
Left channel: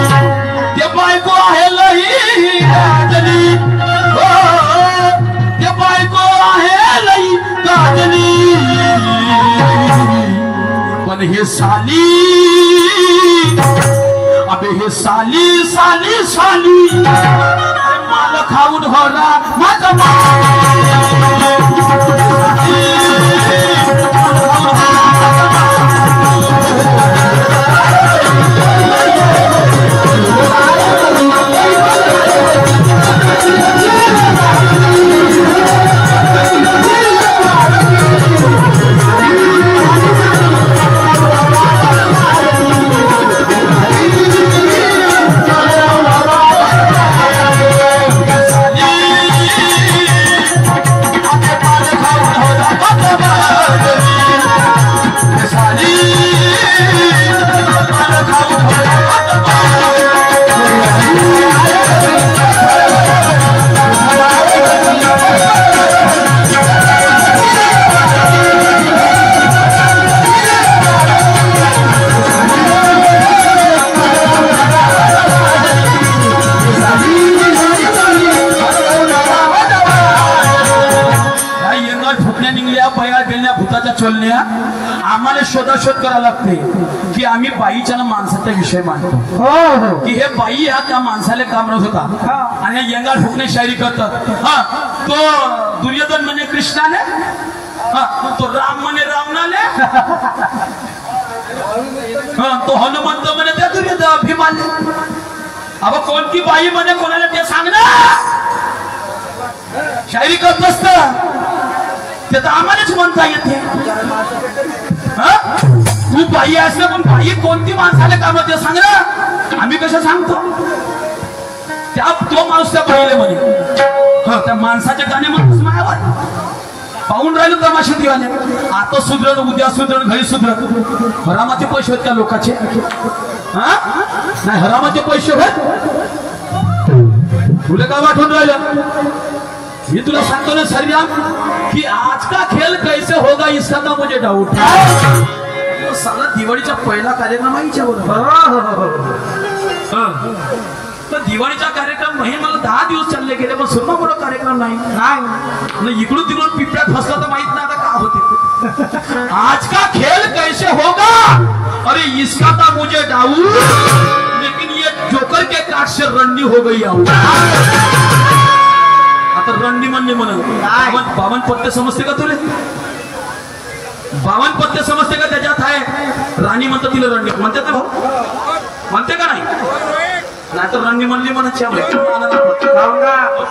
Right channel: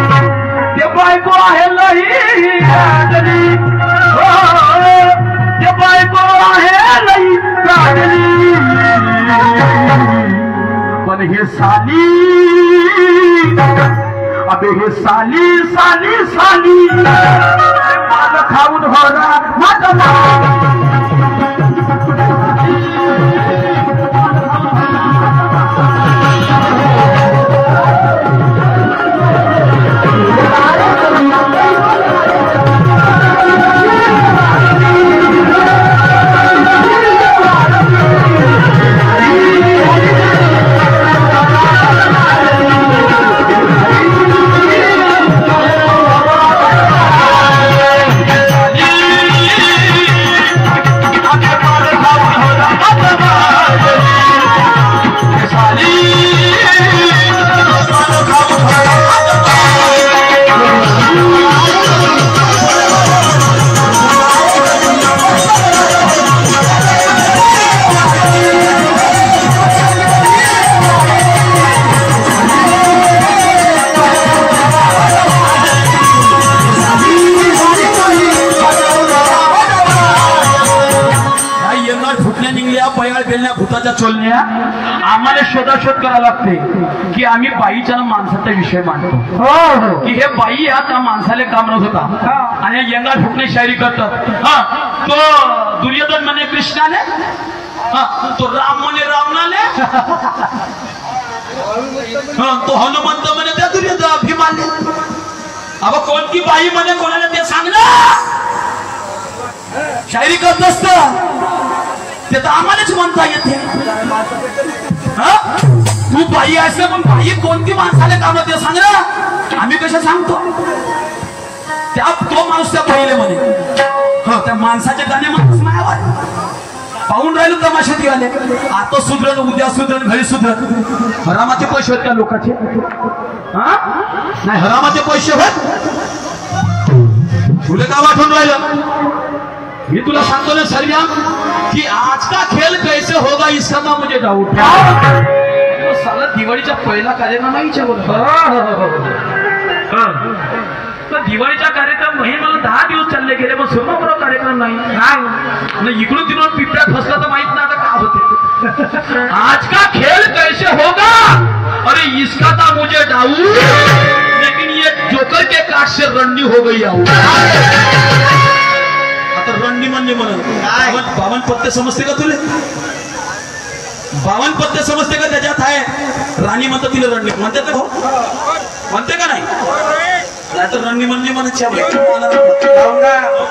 ते बायको आहे लई गाजली ते बायको आहे लई गाजली पण हे साली अबे हे साली साली साली माल खाऊन होरा माझा चोलण्या आम्हाला शोधाशोध करायला लागते की आम्ही बाईच्या माणसाचा विषय मांडतो की हे बाई हा त्या माणसाला काम नव्हत होता आणि यंगार फुकणे शायरी करतात तो दुर्योधन म्हणे कृष्णाने तो राम म्हणे रावणाले तो हनुमंत म्हणे त्या दुर्योधन अभिमाने अब कोणती बाई म्हणे कोणाला ते सांग ना शायरी करत असत ते तर आम्हालाच म्हणता येते तू बाई आहेस पण बाई कोणती माणसाला काम ते सांग ना आम्ही कसं सांगतो त्या तो माणूस त्या बाईले म्हणे त्या माणसाच्या गाणे माणूस मायावर पाहून राहिलो तमाशात आले आता सुधरण उद्या सुधरण घरी सुधरण हरामाचे पैसे आहेत त्या लोकांचे नाही हरामाचे पैसे आहेत तुला का वाटून राहिलं मी तुला सांगतो ना सरजाम कि आज का खेल कैसे होगा इसका ना मुझे डाउट साला दिवाळीचा पहिला कार्यक्रम आहे तर दिवाळीचा कार्यक्रम हे मला 10 दिवस चालले गेले पण सुद्धा बरोबर कार्यक्रम नाही इकडून तिकडून पिपऱ्यात फसला तर माहित नाही आता का होते आज का खेल कैसे होगा अरे इसका था मुझे डाउट लेकिन ये जोकर के काट से रन्नी हो गई आता रणनी म्हणले म्हणून 52 पत्ते समजते का तुले? 52 पत्ते समजते का? त्याच्यात आहे राणी म्हणतात तिला रणनी म्हणते का भाऊ? म्हणते का नाही? नाही तर रणनी म्हणली म्हणायची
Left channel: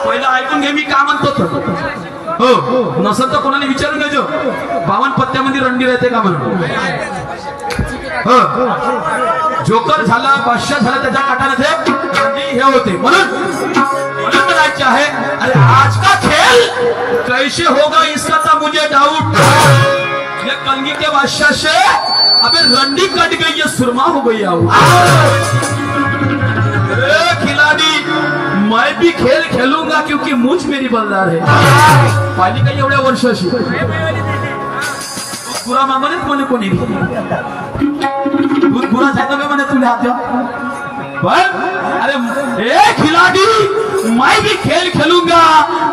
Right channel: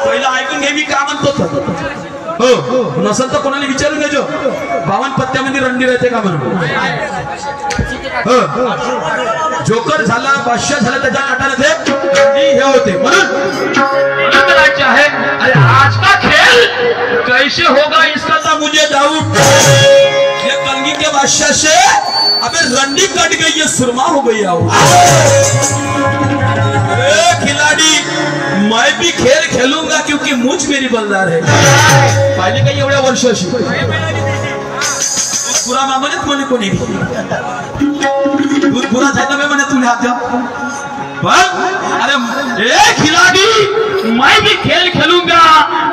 पहिलं ऐकून घे मी का म्हणतो. हो नसेल तर कोणाला विचारून घ्यायचो 52 पत्त्यामध्ये रणनी राहते का म्हणून. हो जोकर झाला बादशाह झाला त्याच्या काटाने ते हे होते म्हणून है। अरे आज का खेल कैसे होगा इसका तो मुझे डाउट। ये कलगी के बादशाह से अबे रंडी कट गई है सुरमा हो गई है। खिलाड़ी मैं भी खेल खेलूंगा क्योंकि मुझ मेरी बलदार है। पाहिली काही एवढ्या वर्षाशी पुरा मामलेत म्हणे कोणी दूध पुरा जाता मैं मैंने तुले हाथ अरे ए खिलाड़ी मैं भी खेल खेलूंगा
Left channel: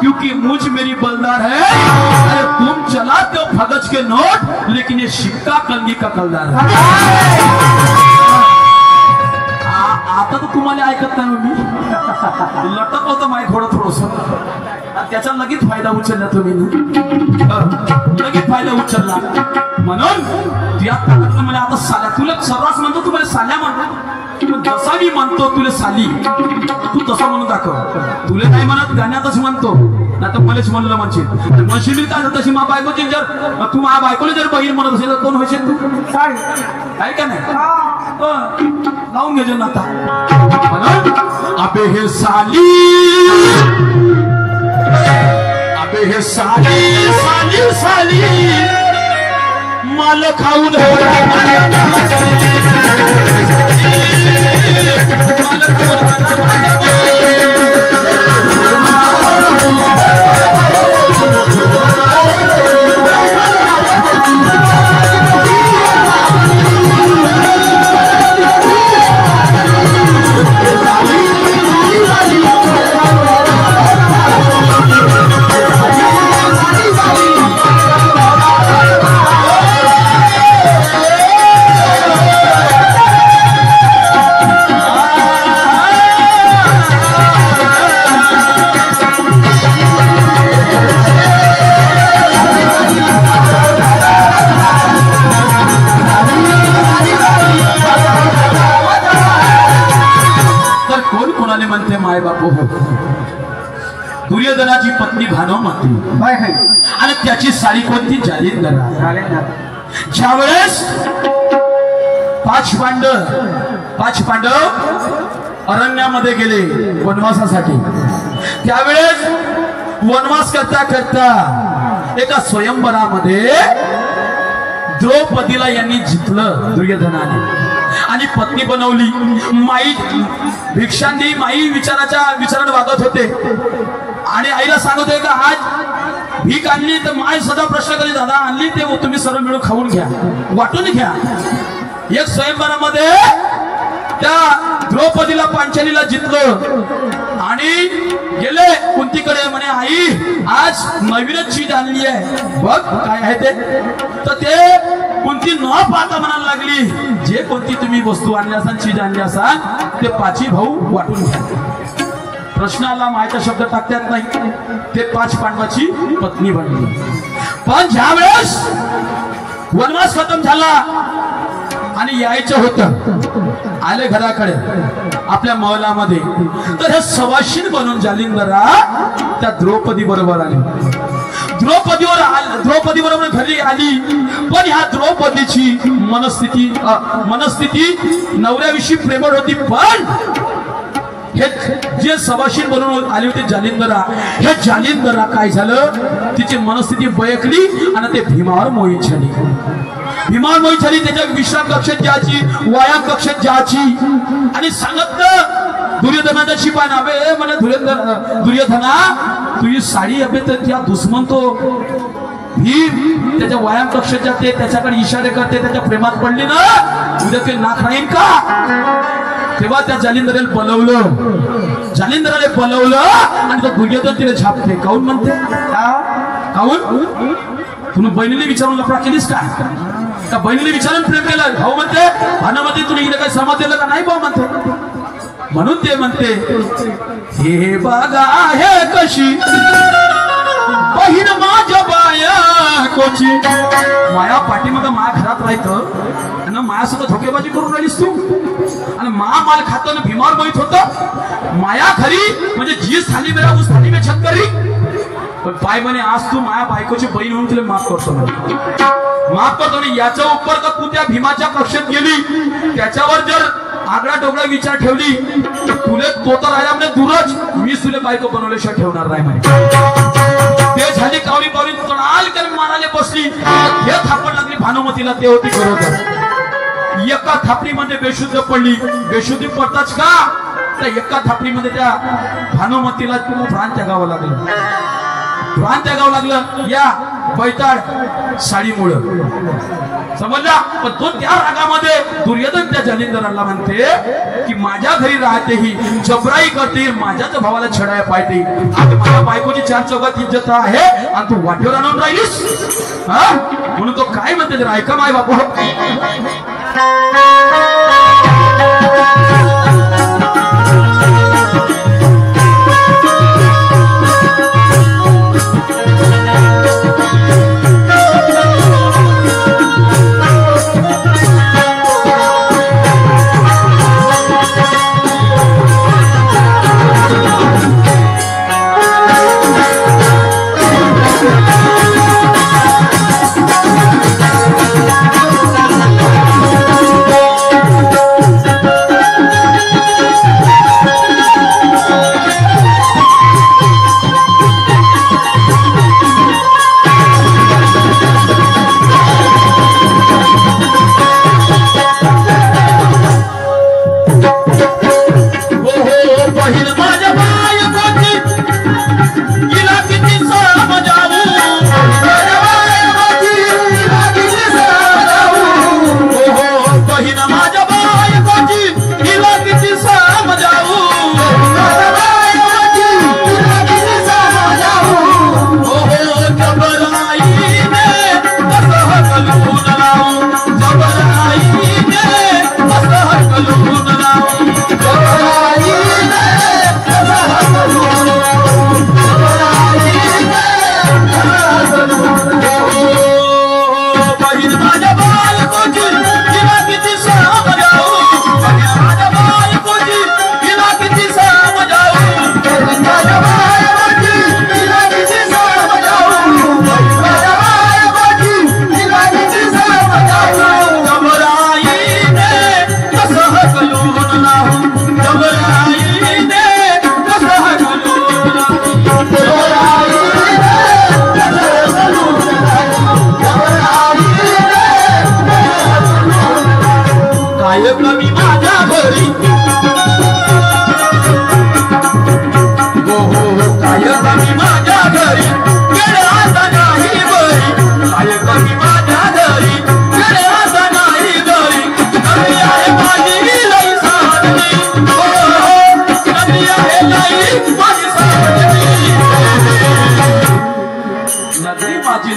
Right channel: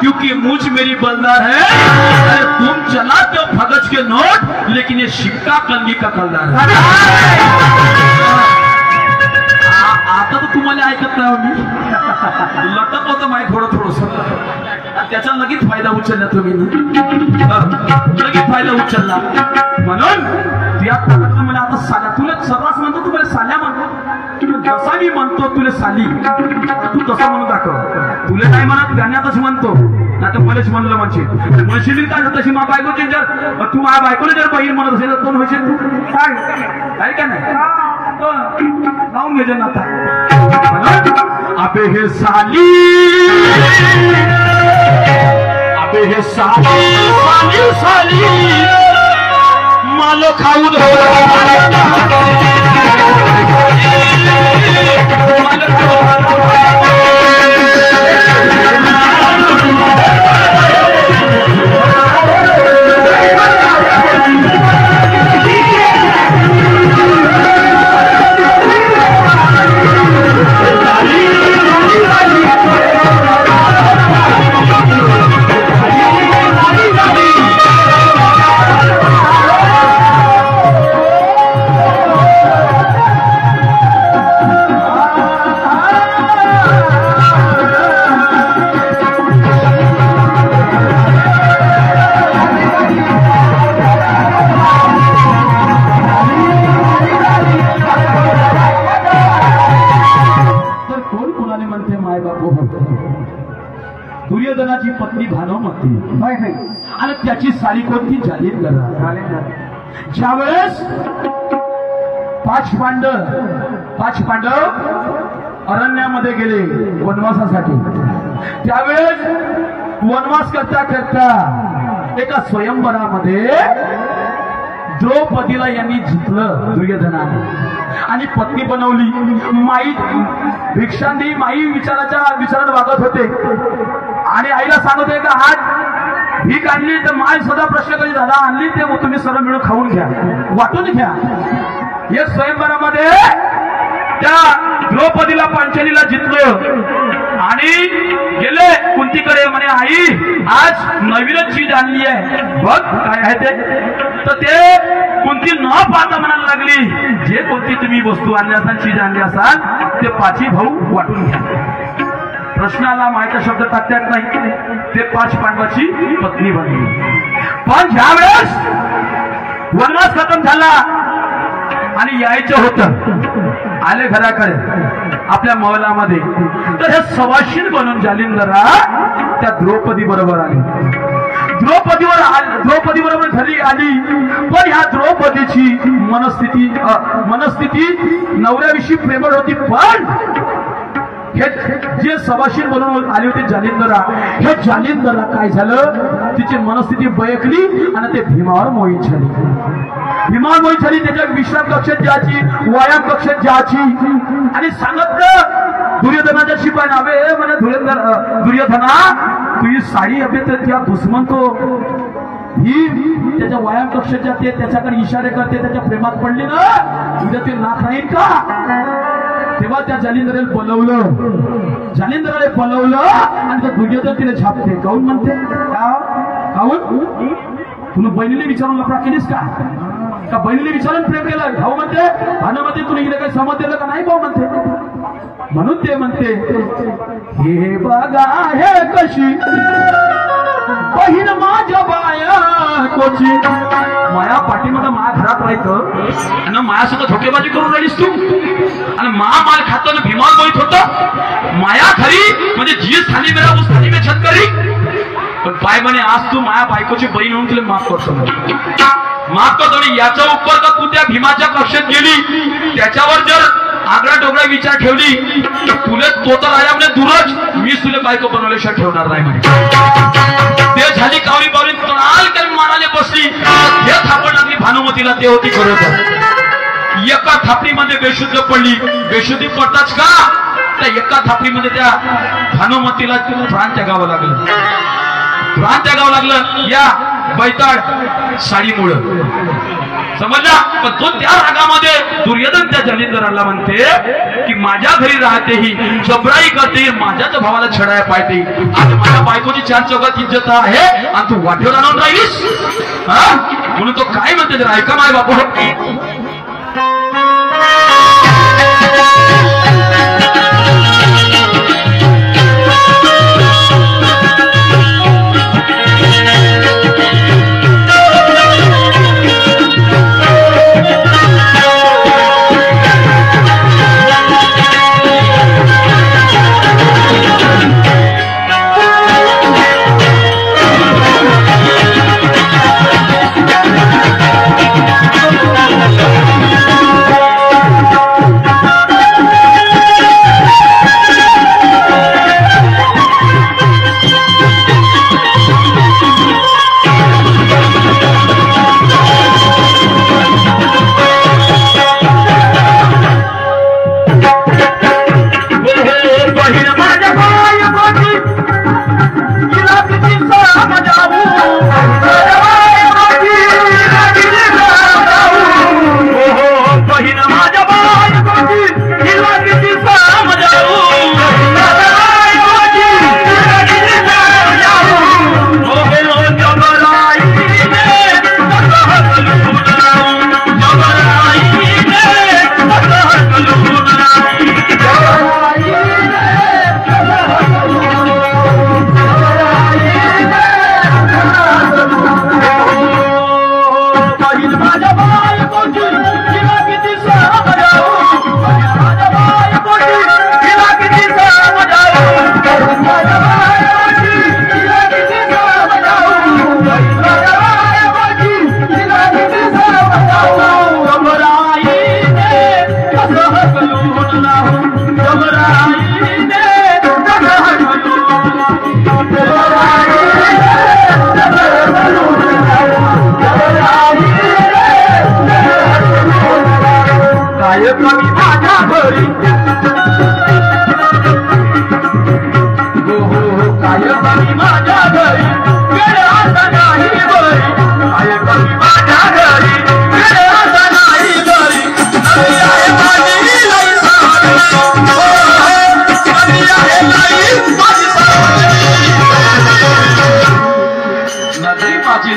क्योंकि मुझ मेरी बलदार है। अरे तुम चलाते हो भगत के नोट लेकिन ये सिक्का कंगी का कलदार है। आता तो तुम्हाला ऐकत नाही मी लटक होतं माय थोडस त्याचा लगेच फायदा उचलला तुम्ही लगेच फायदा उचलला म्हणून त्या ताकदनं मला आता साला तुला सर्रास म्हणतो तू मला साल्या म्हणतो जसा मी म्हणतो तुला साली तू तसा म्हणून दाखव। तुला नाही म्हणत गाण्यातच म्हणतो ना तर मलाच म्हणलं म्हणशील काय तशी मा बायकोचे जर तू मा बायकोला जर बहीण म्हणत असेल तर कोण होशील तू सांग काय का नाही लावून घे ना आता अबे हे साली अबे हे साली साली साली माल खाऊन दुर्योधनाची पत्नी भानुमती आणि त्याची साली कोणती जालिंदरा। ज्यावेळेस पाच पांडव अरण्यामध्ये गेले वनवासासाठी त्यावेळेस वनवास करता करता एका स्वयंवरामध्ये द्रौपदीला यांनी जिंकलं दुर्योधनाने आणि पत्नी बनवली। माई भिक्षांदी माई विचाराने वागत होते आणि आईला सांगत होते का आज भीक आणली तर माय सदा प्रश्न करी दादा आणली ते तुम्ही सर्व मिळून खाऊन घ्या वाटून घ्या। एक स्वयंवरामध्ये त्या द्रौपदीला पांचालीला जिंकलं आणि गेले कुंतीकडे म्हणे आई आज नवीनच चीज आणली आहे बघ काय आहे ते। तर ते कुंती न पाहता म्हणायला लागली जे कोणती तुम्ही वस्तू आणली असाल चीज आणली असाल ते पाची भाऊ वाटून घ्या। प्रश्नाला मायचा शब्द टाकतात नाही ते पाच पांडवाची पत्नी बनली। पण ज्यावेळेस वनवास खतम झाला आणि यायचं होतं आले घराकडे आपल्या महलामध्ये तर हे सवाशीण बनून जालिंदरा त्या द्रौपदी बरोबर आली। द्रौपदी बरोबर घरी आली पण ह्या द्रौपदीची मनस्थिती नवऱ्याविषयी प्रेमळ होती। पण हे जे सवाशीण बनून आली होती जालिंदरा हे जालिंदरा काय झालं तिची मनस्थिती बयकली आणि ते भीमावर मोहित झाली। भीमावर मोहित झाली त्याच्या विश्राम कक्षात जायची व्यायाम कक्षात जायची आणि सांगितलं दुर्योधनाच्या शिपाई नावे म्हणे दुर्योधना तुझी साडी अबे तर त्या दुश्मन तो भीम त्याच्या व्यायाम कक्षात जाते त्याच्याकडे इशारे करते त्याच्या प्रेमात पडली ना उद्या ते नाक राहील का। तेव्हा त्या जालिंदराला पलवलं आणि तो दुर्योधन तिने छापते काऊन म्हणते काऊन तुम्ही बहिणीला विचारून लफडा केलीस का बहिणीला विचारून प्रेम केलं भाऊ म्हणते भानामध्ये तुला इकडे काही समज दिलं का नाही भाऊ म्हणते म्हणून ते म्हणते हे बघा हे कशी बहीण माझ्या बायकोची. माया पाठीमध्ये माया घरात राहायचं आणि मायासोबत धोकेबाजी करून राहिलीस तू आणि माल खातो ना भीमाल बोलत होत. माया खरी म्हणजे जी स्थानी मेरा उस स्थानी में छत करी. पण बाय म्हणे आज तू माया बायकोची बहीण म्हणून तुला माफ करतो माफ करतो. आणि याचा उपर का तू त्या भीमाच्या कक्षेत गेली त्याच्यावर जर आगळा डोगळा विचार ठेवली तर तुले तो तर राहिला म्हणजे दूरच मी तुला बायको बनवल्याशिवाय ठेवणार नाही म्हणे. ते झाली कावरी बावरी तोडाल करून मानाले बसली. हे थापड लागली भानुमतीला ते होती बरोबर. एका थापडीमध्ये बेशुद्ध पडली. बेशुद्धी पडताच का त्या एका थापडीमध्ये त्या भानुमतीला प्राण त्यागावं लागलं. प्राण त्यागावं लागलं या बैताळ साडीमुळं समजला. पण तो त्या रागामध्ये दुर्योधन त्या जालिंदराला म्हणते की माझ्या घरी राहते ही जबराई करते माझ्याच भावाला छेडाया पाहते. आज माझ्या बायकोची चार चौकात इज्जत आहे आणि तू वाटेवर आणून राहिलीस म्हणून तो काय म्हणते जरा ऐका माय बापू.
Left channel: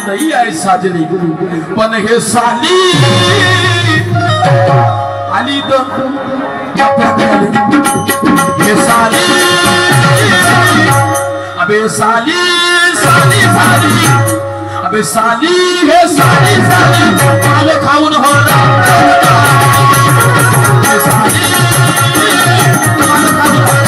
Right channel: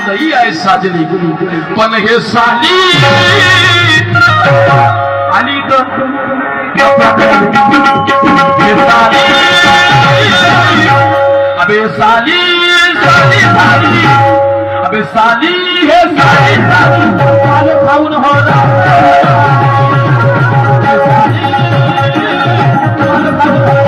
नाही आहे साजरी पण हे साली आली तर हे साली अबे साली साली साली अबे साली हे साली साली काल खाऊन होला साली काल खाऊन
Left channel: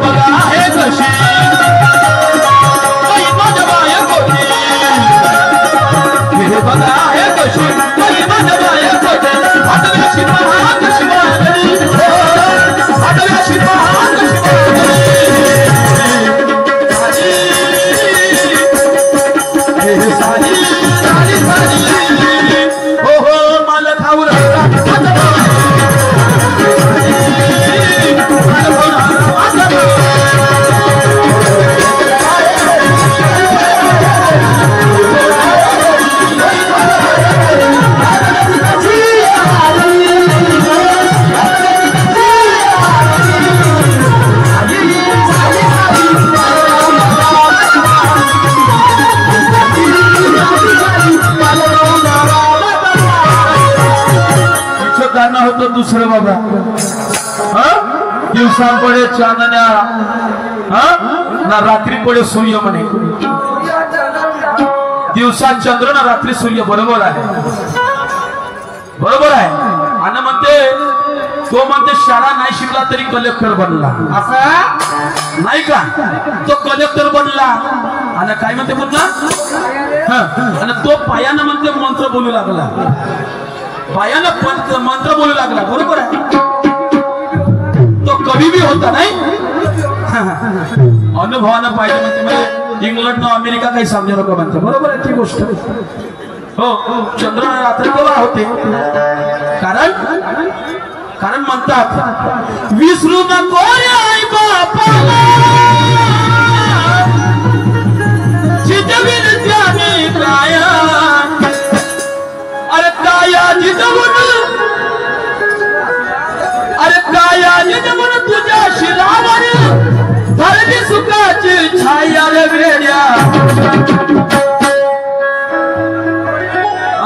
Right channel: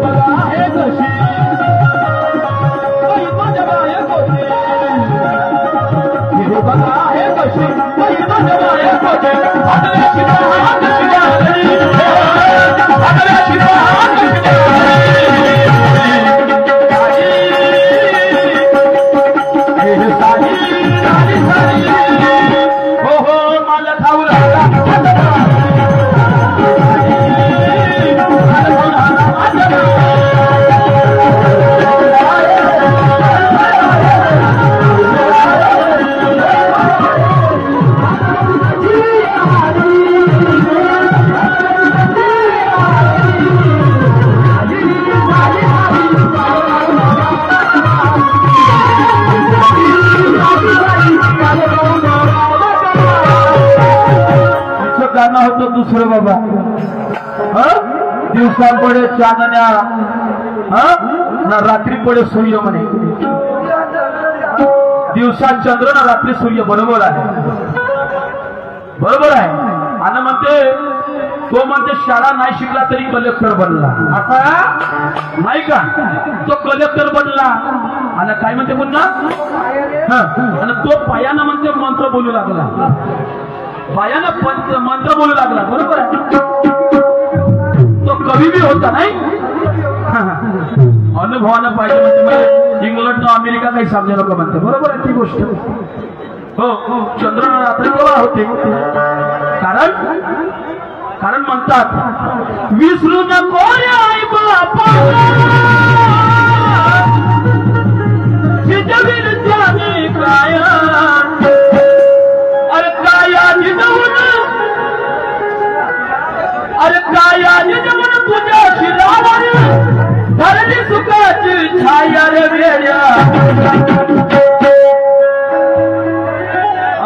बघा हे कशी माझ्या बाया होतं दुसरं बाबा. दिवसा पडे चांदण्या ना रात्री पडे सूर्य म्हणे. दिवसा चंद्र ना रात्री सूर्य. बरोबर आहे, बरोबर आहे. आणि म्हणते तो म्हणते शाळा नाही शिकला तरी कलेक्टर बनला. असा नाही का? तो कलेक्टर बनला. आणि काय म्हणते पुन्हा आणि तो पायानं म्हणते मंत्र बोलू लागला. पायानं मंत्र बोलू लागला. बरोबर आहे. तो कवी बी होता नाही. अनुभवानं पाहिजे म्हणते. मला इंग्लंड अमेरिका काही समजा नको म्हणते. बरोबर आहे ती गोष्ट. हो चंद्र रात्री बरोबर होते. कारण म्हणतात विसरू नको रे आई बापाला चिजवील त्याने काया. अरे काया जिजवून, अरे काया जिजवून तुझ्या शिरावर धरली सुखाची छाया रे वेड्या.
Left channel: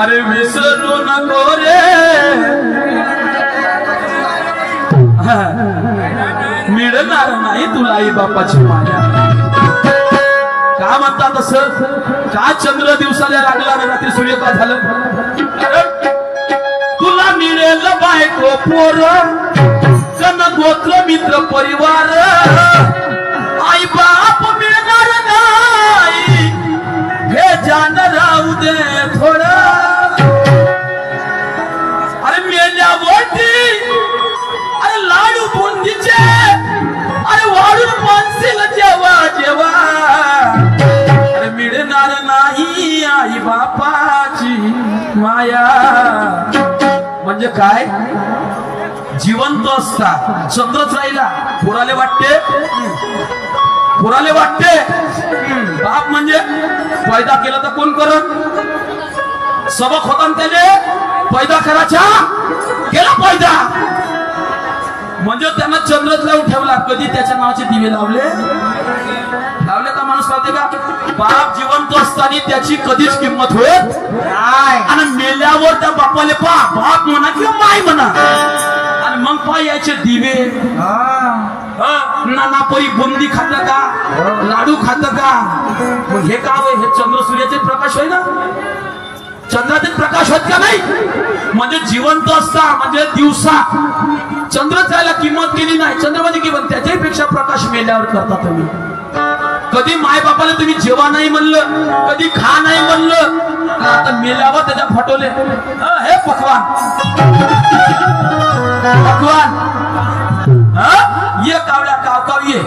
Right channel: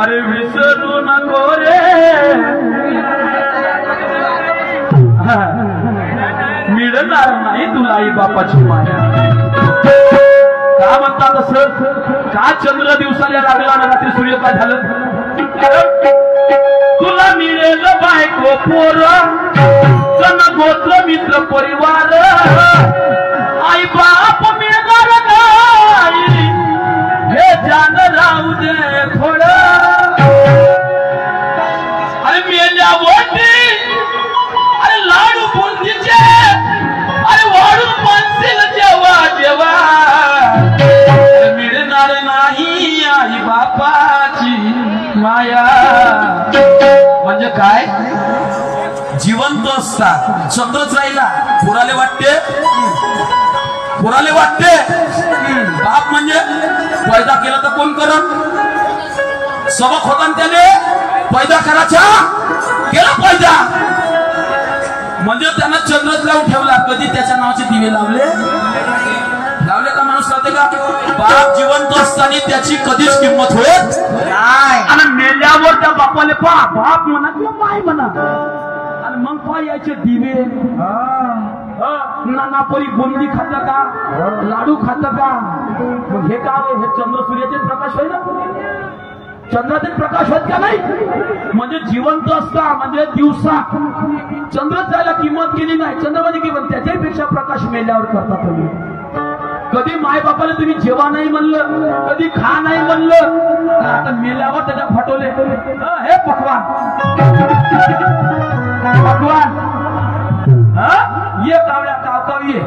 अरे विसरू नको रे मिळणार नाही तुला आई बापाची माया. का म्हणतात असं? का चंद्र दिवसाला लागला ना रात्री सूर्य काय झालं? तुला मिळेल बायको पोर कन गोत्र मित्र परिवार. आई बाप मिळणार नाही हे जाण राहू दे थोडं. अरे मेल्यावरती लाडू बुंदीचे अरे वाढून मानसील जेव्हा जेव्हा. अरे मिळणार नाही आई बापाची माया. म्हणजे काय? जिवंत असता चंद्रच राहिला पुराले वाटते. पुराले वाटते बाप म्हणजे पैदा केला तर कोण करत? सबक होता त्याने पैदा करायचा केला पैदा. म्हणजे त्यांना चंद्रच लावून ठेवला. कधी त्याच्या नावाचे दिवे लावले का माणूस कळते का? बाप जिवंत असताना त्याची कधीच किंमत होत नाही. आणि मेल्यावर त्या बापाले बाप म्हणा किंवा माय म्हणा. आणि मग यायचे दिवे. नाना परी बुंदी खात का लाडू खात का? मग हे का हे चंद्र सूर्याचे प्रकाश होय ना. चंद्राचे प्रकाश होत का नाही? म्हणजे जिवंत असता म्हणजे दिवसा चंद्र त्याला किंमत केली नाही. चंद्र म्हणजे किंमत त्याच्याही पेक्षा प्रकाश मेल्यावर करता तुम्ही. कधी माय बापाला तुम्ही जेवा नाही म्हणलं, कधी खा नाही म्हणलं. आता मेल्यावर त्याच्या फटवले हे पकवान पकवान ये कावल्या कावकाव ये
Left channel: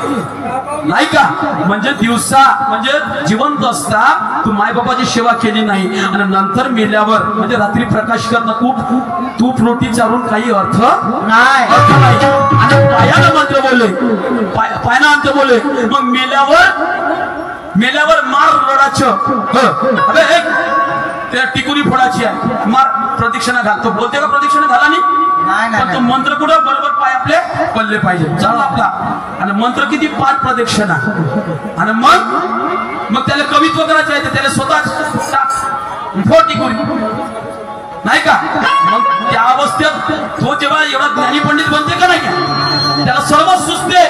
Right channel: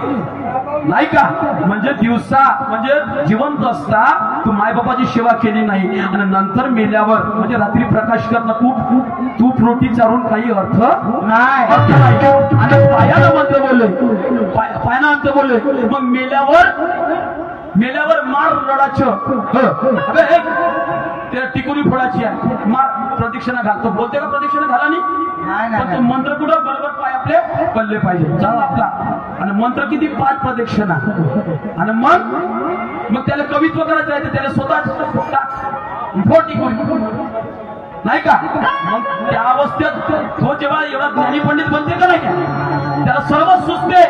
नाही का? म्हणजे दिवसा म्हणजे जिवंत असता तू माय बापाची सेवा केली नाही आणि नंतर मेल्यावर म्हणजे रात्री प्रकाश करणं तूप रोटी चारून काही अर्थ नाही. आणि पायानं मंत्र बोलले पायानं मंत्र बोलले. मग मेल्यावर मार रडाचं अबे त्या टिकुरी फोडाची आहे. मार प्रदक्षिणा घाल. तो बोलते का प्रदक्षिणा घाला नाही. पण तो मंत्र कुठं बरोबर पाय आपले पडले पाहिजे. चला आपला आणि मंत्र किती 5 प्रदक्षिणा. आणि मग त्याला कवित्व करायचं आहे. त्याला स्वतः टिकुरी नाही का? मग त्या अवस्थेत तो जेव्हा एवढा ज्ञानी पंडित बनते का नाही का? त्याला सर्व सुचते.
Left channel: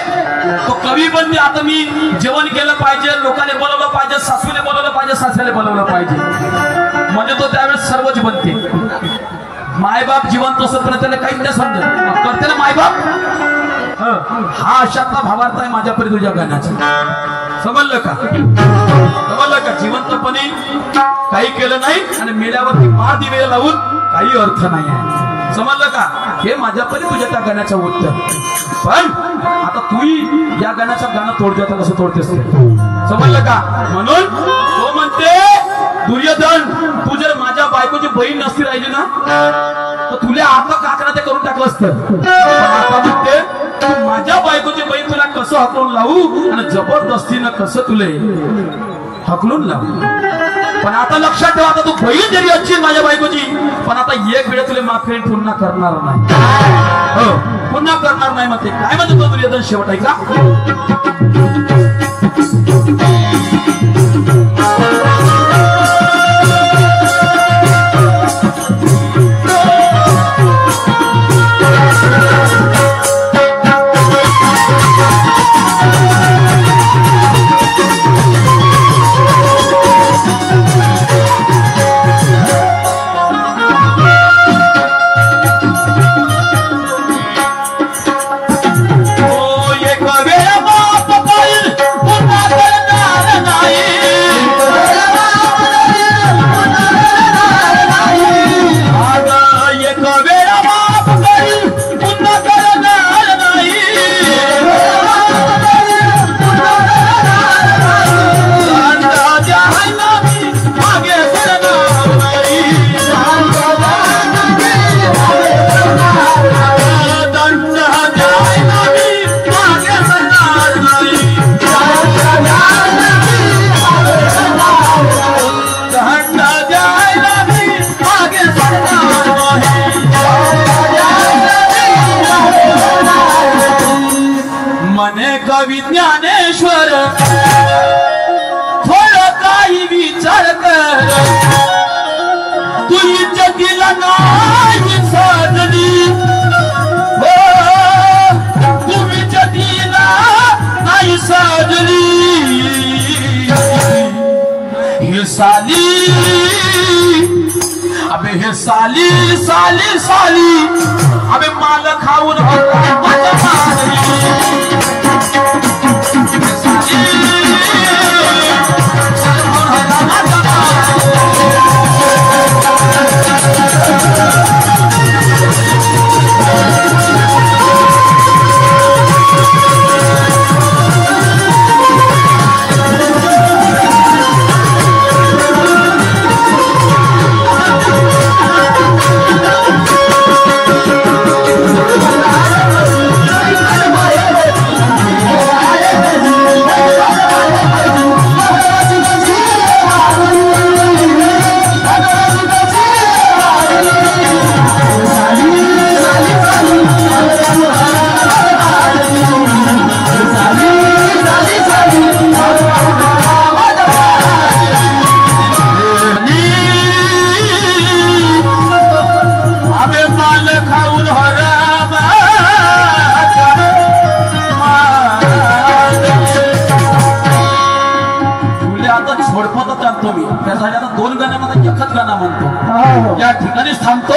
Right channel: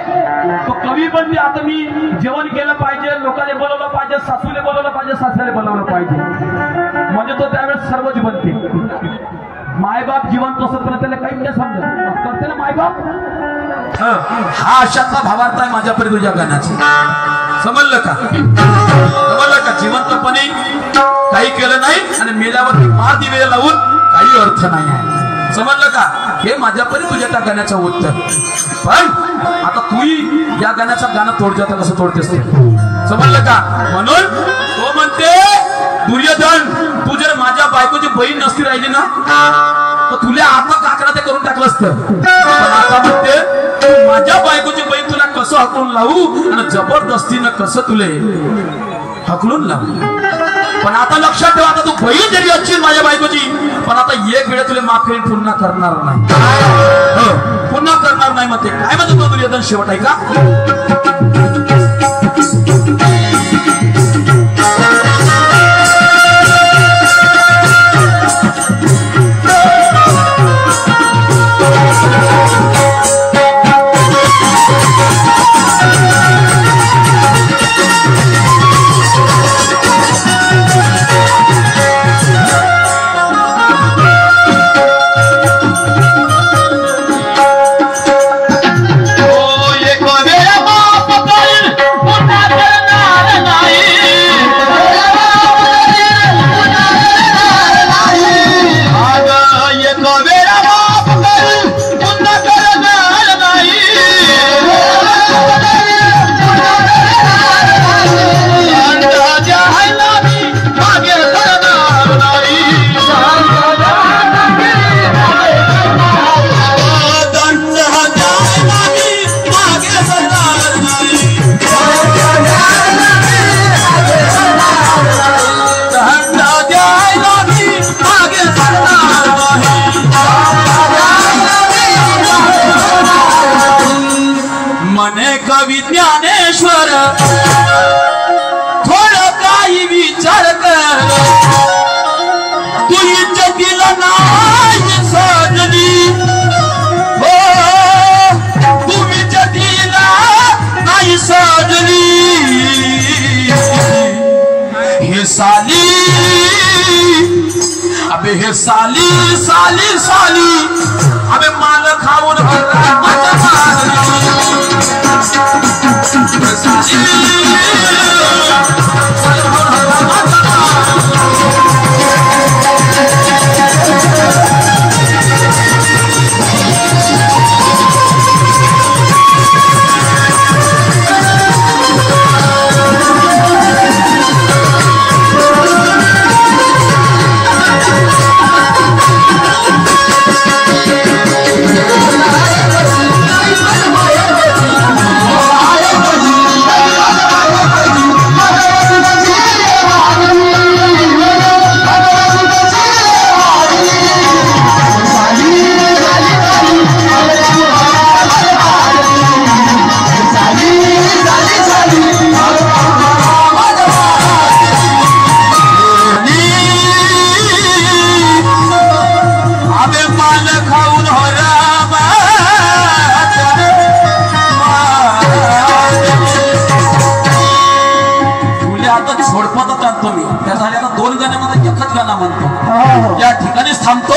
तो कवी बनते. आता मी जेवण केलं पाहिजे, लोकांनी बोलवलं पाहिजे, सासूने बोलवलं पाहिजे, सासऱ्याने बोलवलं पाहिजे. म्हणजे तो त्यावेळेस सर्वच बनते. मायबाप जिवंत असत पण त्याला काहीच नाही समजत. करते ना मायबाप. हा अशातला भावार्थ आहे माझ्यापर्यंत तुझ्या गाण्याचा. समजलं का? समजलं का? जिवंतपणे काही केलं नाही आणि मेल्यावरती मार दिवे लावून काही अर्थ नाही आहे. समजलं का? हे माझ्यापर्यंत तुझ्या त्या गाण्याचं उत्तर. पण आता तू या गाण्याचं गाणं तोडते आता कसं तोडतेस ते समजलं का? म्हणून तो म्हणते दुर्योधन तू जर माझ्या बायकोची बहीण नसती राहिली ना तर तुला आता काकडा ते करून टाकलं असतं. पण आता म्हणते तू माझ्या बायकोची बहीण तुला कसं हकलून लावू आणि जबरदस्तीनं कसं तुले हकलून लावू. पण आता लक्षात ठेवा आता तू बहीण जरी असशील माझ्या बायकोची पण आता एक वेळ तुला माफ करेल पुन्हा करणार नाही. पुन्हा करणार नाही. मग ते काय म्हणतो तो दुर्योधन शेवट आहे का? विज्ञानेश्वर थोडं काही विचार कर तू इज्जतीला नाही सजली हो तू इज्जतीला नाही सजली हे साली अबे हे साली साली साली अबे माल खाऊन छोडपतच आणतो मी त्यासाठी आता 2 गाण्या एकच गाणं म्हणतो या ठिकाणीच थांबतो